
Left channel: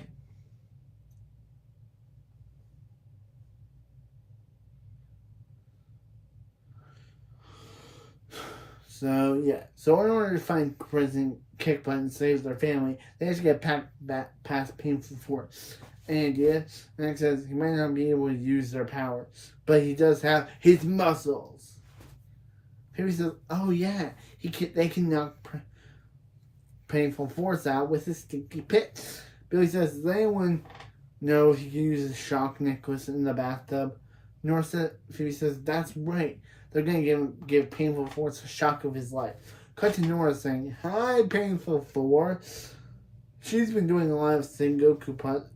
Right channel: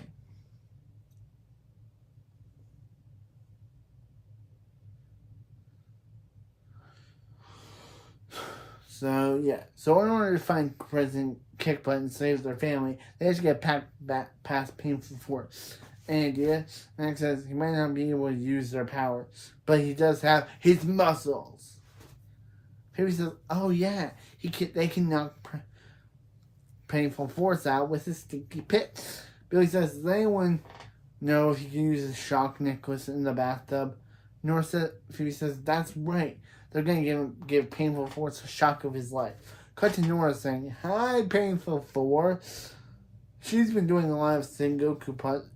So, yeah. So, in order to find President Kickbutt and save their family, they have to get past Painful Force. And, yeah, Max says he might not be able to use their power, but he does have his muscles. Phoebe says, oh, yeah, they can knock Painful Force out with his stinky pit. Billy says, does anyone know if he can use his shock necklace in the bathtub? Phoebe says, that's right. They're going to give Painful Force a shock of his life. Cut to Nora saying, hi, Painful Force. She's been doing a lot of Sengoku puzzles.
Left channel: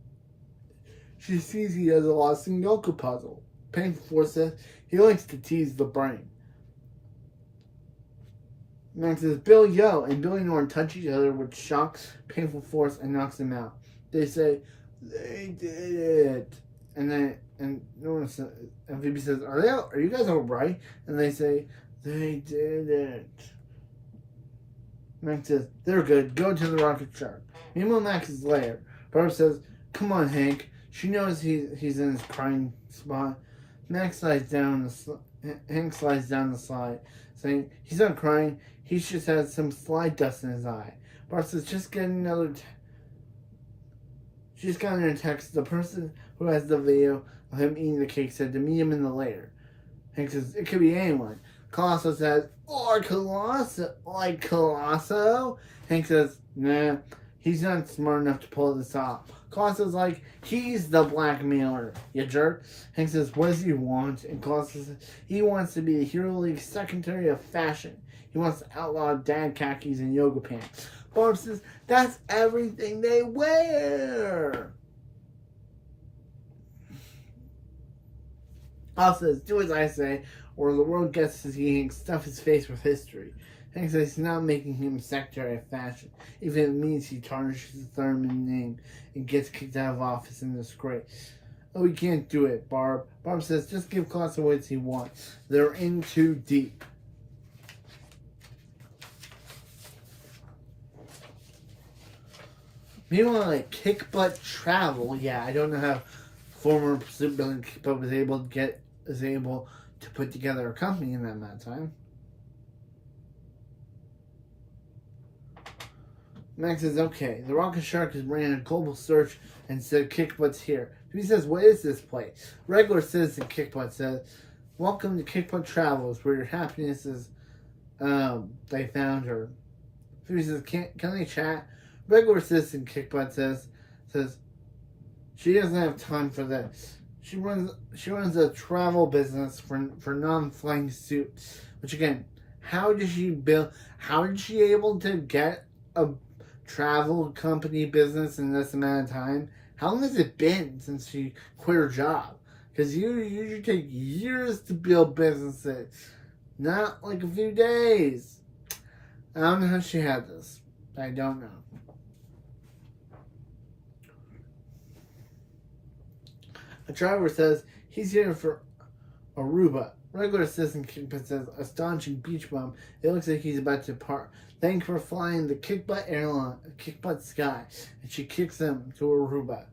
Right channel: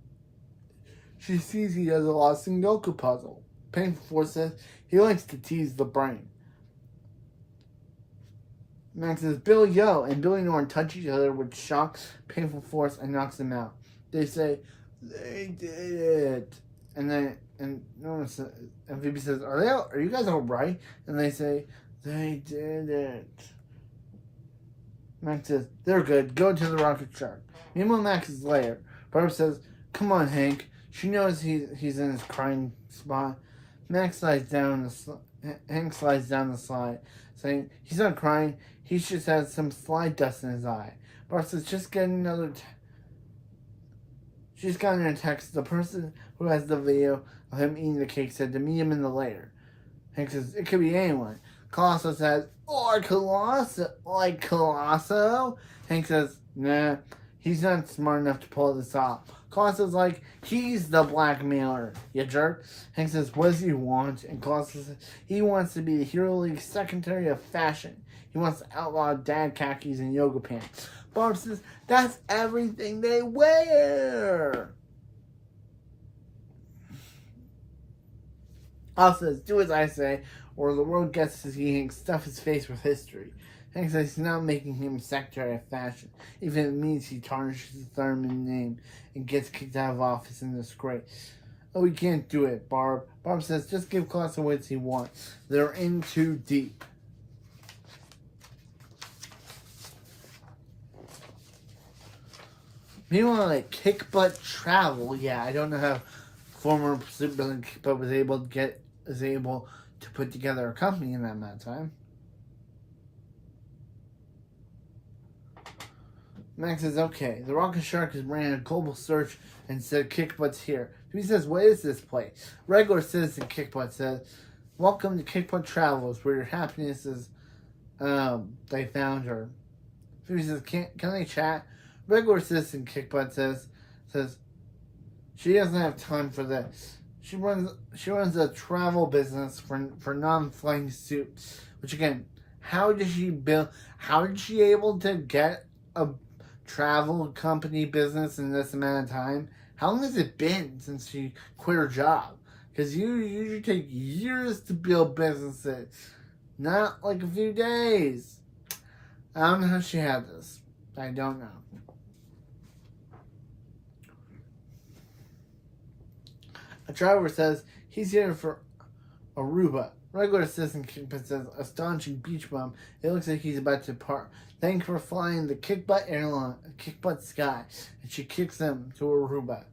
She sees he does a lot of Sengoku puzzle. Painful Force says he likes to tease the brain. Max says, Bill, yo, and Billy and Nora touch each other with shock, Painful Force, and knocks him out. They say, they did it. And Nora says, and Phoebe says, are you guys alright? And they say, they did it. Max says, they're good. Go to the rocket shark. Meanwhile, Max is later. Barb says, come on, Hank. She knows he's in his crying spot. Hank slides down the slide, saying, he's not crying. He just has some slide dust in his eye. Barb says, just get another... She's gotten a text. The person who has the video of him eating the cake said to meet him in the lair. Hank says, it could be anyone. Colosso says, or Colosso. Hank says, nah, he's not smart enough to pull this off. Colosso's like, he's the blackmailer, you jerk. Hank says, what does he want? And Colosso says, he wants to be the Hero League Secretary of Fashion. He wants to outlaw dad khakis and yoga pants. Barb says, that's everything they wear. Al says, do as I say, or the world gets to see Hank stuff his face with history. Hank says he's not making him Secretary of Fashion, even if it means he tarnishes his Thurman name and gets kicked out of office in disgrace. Oh, he can't do it, Barb. Barb says, just give Colosso what he wants. They're in too deep. Meanwhile, like Kickbutt Travel, yeah, I don't know how former supervillain Kickbutt was able to put together a company in that amount of time. Max says, okay, the Rocket Shark has ran a global search and said Kickbutt's here. He says, what is this place? Regular citizen Kickbutt says, welcome to Kickbutt Travels, where your happiness is, they found her. He says, can they chat? Regular citizen Kickbutt says she doesn't have time for this. She runs a travel business for non-flying suits. Which again, how did she able to get a travel company business in this amount of time? How long has it been since she quit her job? Because you usually take years to build businesses, not like a few days. I don't know how she had this. I don't know. A driver says he's here for Aruba. Regular citizen Kickbutt says, astonishing beach bum. It looks like he's about to depart. Thanks for flying the Kickbutt airline, Kickbutt Sky. And she kicks him to Aruba.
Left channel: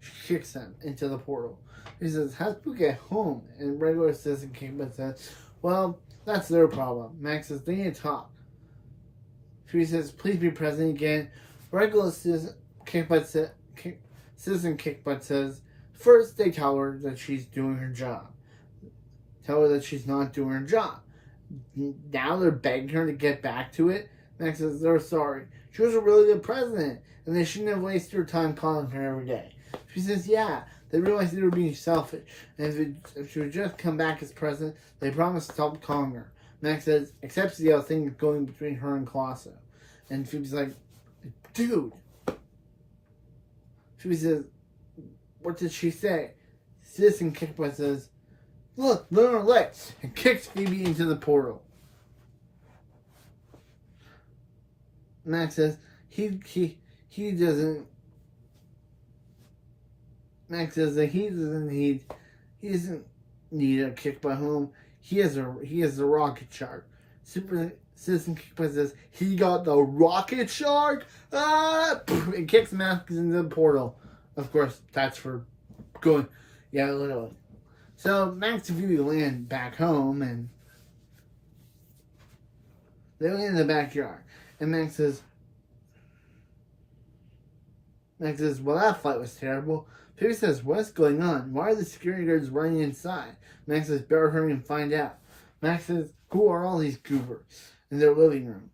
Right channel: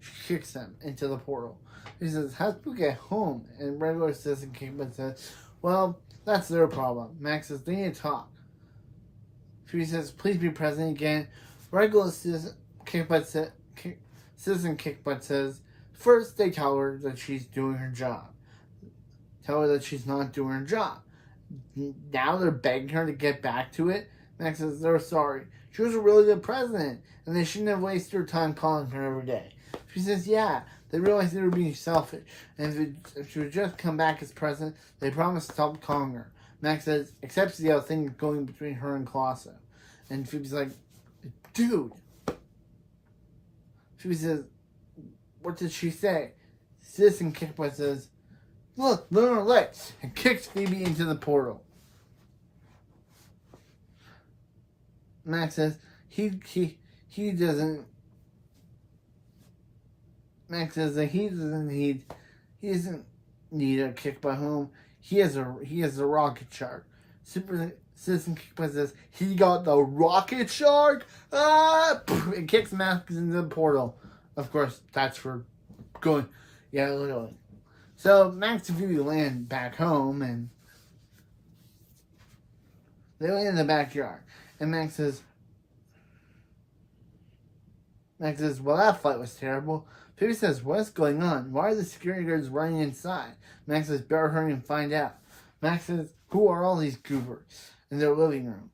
She kicks him into the portal. He says, how'd we get home? And regular citizen Kickbutt says, well, that's their problem. Max says, they need to talk. She says, please be present again. Regular citizen Kickbutt says, first they tell her that she's doing her job. Tell her that she's not doing her job. Now they're begging her to get back to it. Max says they're sorry. She was a really good president, and they shouldn't have wasted their time calling her every day. She says, yeah, they realized they were being selfish, and if she would just come back as president, they promised to stop calling her. Max says, accepts the thing going between her and Colosso. And Phoebe's like, dude. Phoebe says, what did she say? Citizen Kickbutt says, look at her legs, and kicks Phoebe into the portal. Max says, he doesn't. Max says that he doesn't need a kickbutt home. He has a rocket shark. Super Citizen Kickbutt says he got the rocket shark. And kicks Max into the portal. Of course, that's for going. Yeah, literally. So Max and Phoebe land back home, and they land in the backyard. And Max says, well, that fight was terrible. Phoebe says, what's going on? Why are the security guards running inside? Max says, better hurry and find out. Max says, who are all these goobers in their living room?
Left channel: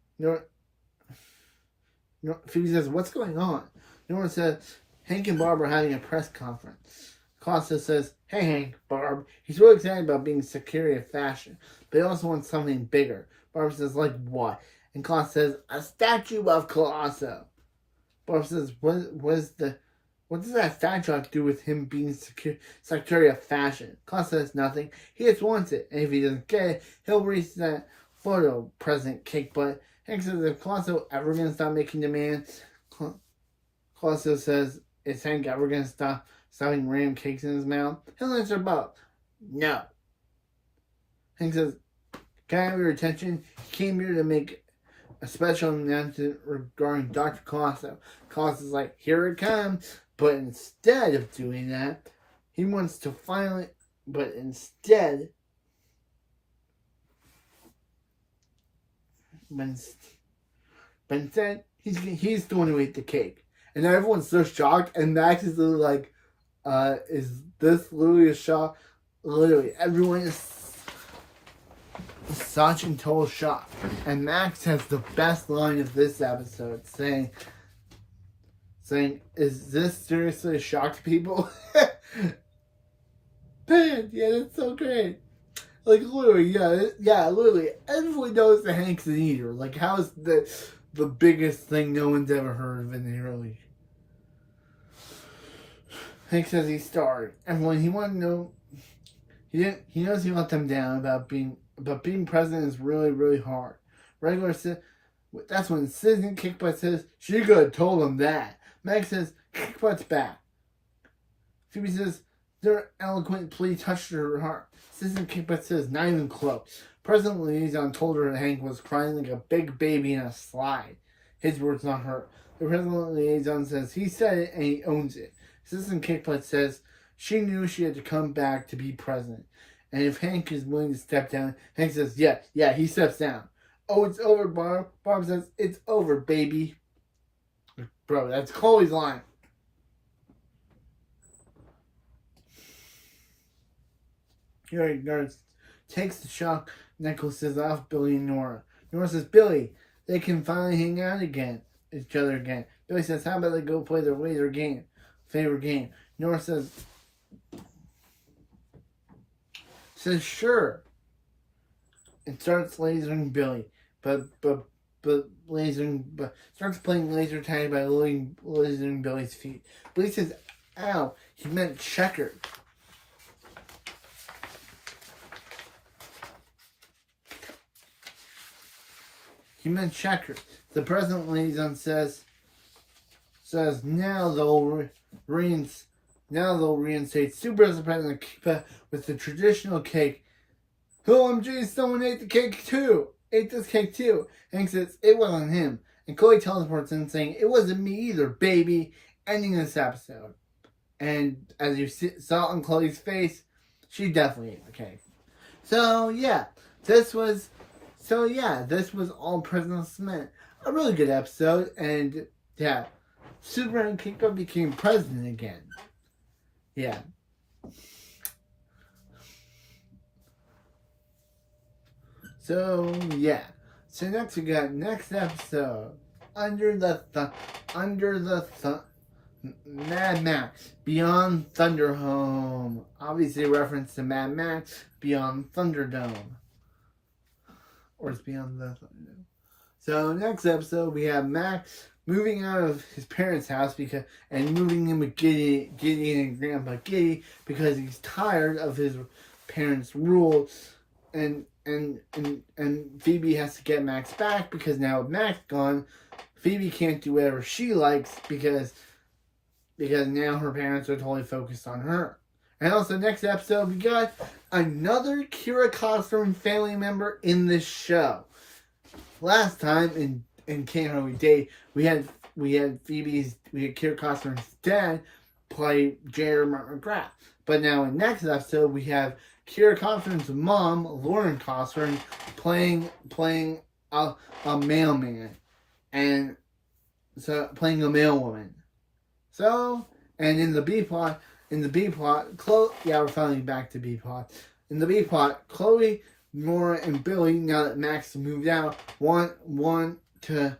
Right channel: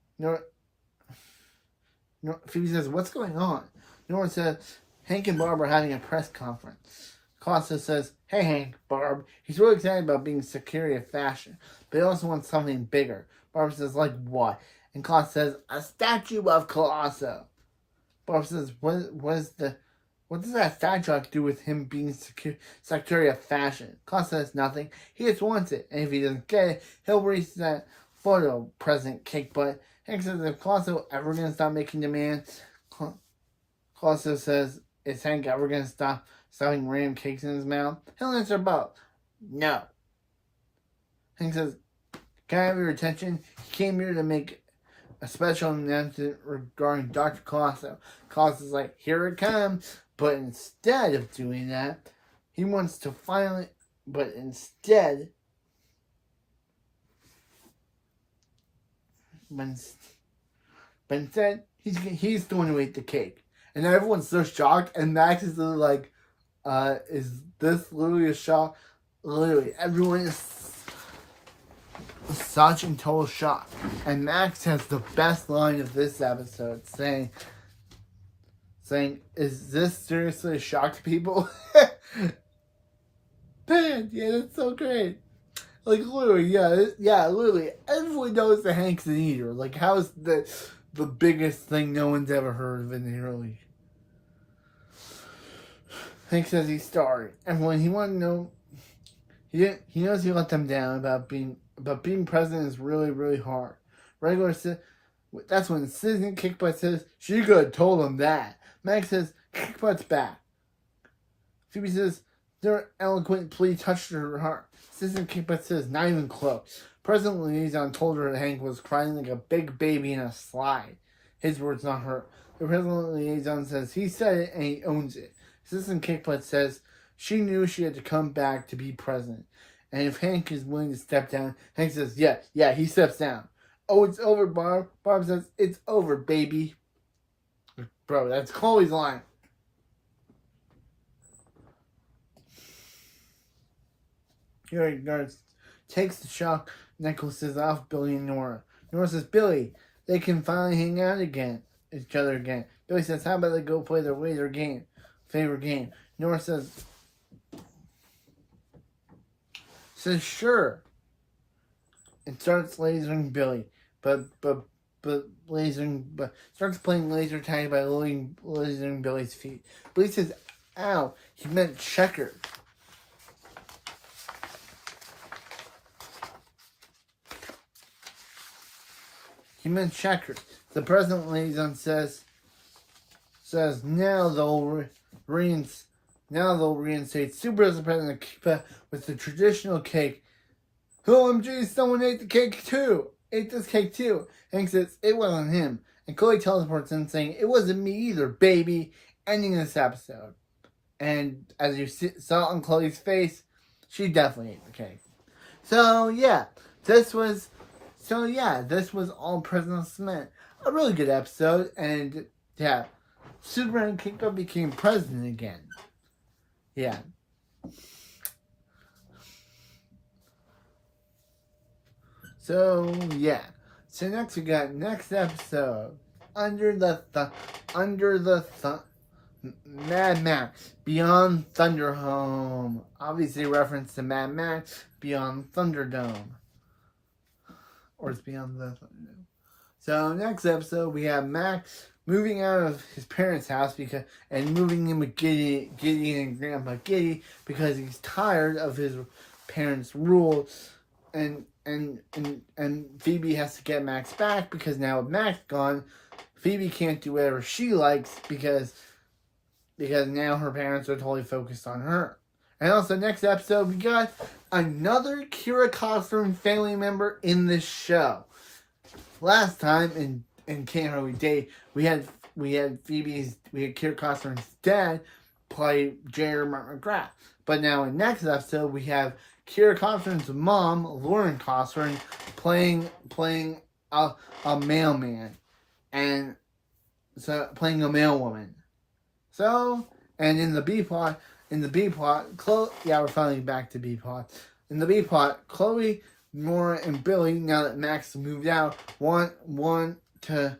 Phoebe says, what's going on? Nora says, Hank and Barb are having a press conference. Costa says, hey Hank, Barb. He's really excited about being security of fashion, but he also wants something bigger. Barb says, like what? And Costa says, a statue of Colosso. Barb says, what does that statue have to do with him being Secretary of Fashion? Costa says nothing. He just wants it. And if he doesn't get it, he'll release that photo, President Kickbutt. Hank says, if Colosso ever going to stop making demands? Colosso says, is Hank ever going to stop stuffing random cakes in his mouth? He'll answer both. No. Hank says, can I have your attention? He came here to make a special announcement regarding Dr. Colosso. Colosso's like, here it comes. But instead of doing that, he wants to finally... But instead... he's going to eat the cake. And everyone's so shocked. And Max is like, is this literally a shock? Literally, everyone is such in total shock. And Max has the best line of this episode, saying, is this seriously a shock to people? Man, yeah, that's so great. Like, literally, literally, everyone knows that Hank's an eater. Like, how is the biggest thing no one's ever heard of in the early? Hank says he's starved. Everyone, he wanted to know, he knows he let them down about being president is really, really hard. That's when Citizen Kickbutt says, she could have told him that. Max says, Kickbutt's back. Phoebe says, their eloquent plea touched her heart. Citizen Kickbutt says, not even close. President Liaison told her that Hank was crying like a big baby in a slide. His words, not her. The President Liaison says, he said it and he owns it. Citizen Kickbutt says, she knew she had to come back to be president. And if Hank is willing to step down, Hank says, yeah, he steps down. Oh, it's over, Barb. Barb says, it's over, baby. Bro, that's Chloe's line. Nurse takes the shock necklaces off Billy and Nora. Nora says, Billy, they can finally hang out each other again. Billy says, how about they go play their favorite game? Nora says, sure. It starts lasering Billy, but starts playing laser tag by lasering Billy's feet. Billy says, ow, he meant checkers. He meant checkers. The President Liaison says now they'll reinstate Super President Kickbutt with the traditional cake. OMG, someone ate the cake too. Ate this cake too. Hank says it wasn't him. And Chloe teleports in saying, it wasn't me either, baby. Ending this episode. And as you saw on Chloe's face, she definitely ate the cake. So yeah, this was All President Smith. A really good episode. And yeah, Superman Kickbutt became president again. Yeah. So yeah. So next we got next episode. Under the Mad Max Beyond Thunderdome. Obviously a reference to Mad Max Beyond Thunderdome. or it's beyond the Thunderdome. So next episode we have Max moving out of his parents' house and moving in with Gideon and Grandpa Giddy because he's tired of his parents' rules, and Phoebe has to get Max back because now with Max gone, Phoebe can't do whatever she likes because now her parents are totally focused on her. And also next episode we got another Kira Costner family member in this show. Last time in Can't Hardly Date, we had Kira Costner's dad play J.R. Martin McGrath. But now in next episode, we have Kira Costner's mom, Lauren Costner, playing a mailman, and so playing a mail woman. So, and in the B plot, Chloe. Yeah, we're finally back to B plot. In the B plot, Chloe, Nora, and Billy, now that Max moved out, want to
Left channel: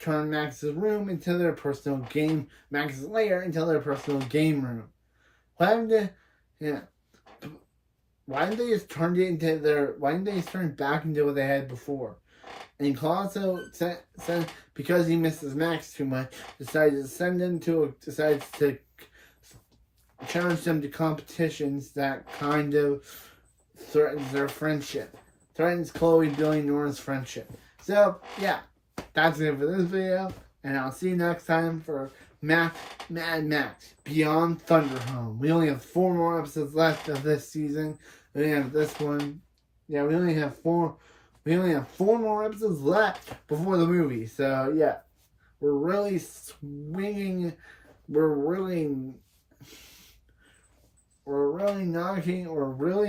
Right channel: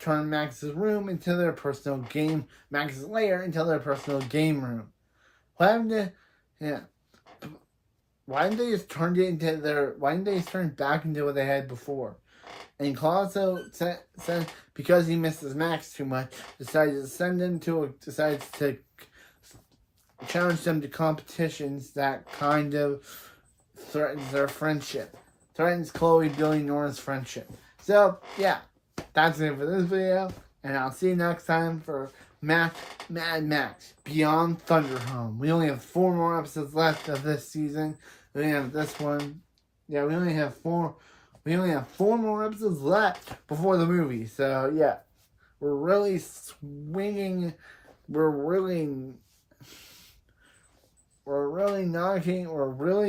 turn Max's room into their personal game, Max's lair into their personal game room. Why didn't they just turn it into their? Why didn't they just turn it back into what they had before? And Colosso said because he misses Max too much, decides to challenge them to competitions that kind of threatens their friendship. Threatens Chloe, Billy, Nora's friendship. So, yeah, that's it for this video. And I'll see you next time for Mad Max Beyond Thunderdome. We only have 4 more episodes left of this season. We have this one. Yeah, we only have 4 more episodes left before the movie. So, yeah, we're really swinging. We're really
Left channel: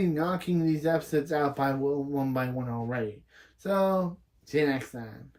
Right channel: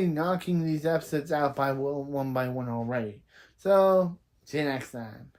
knocking these episodes out by one by one already. So, see you next time.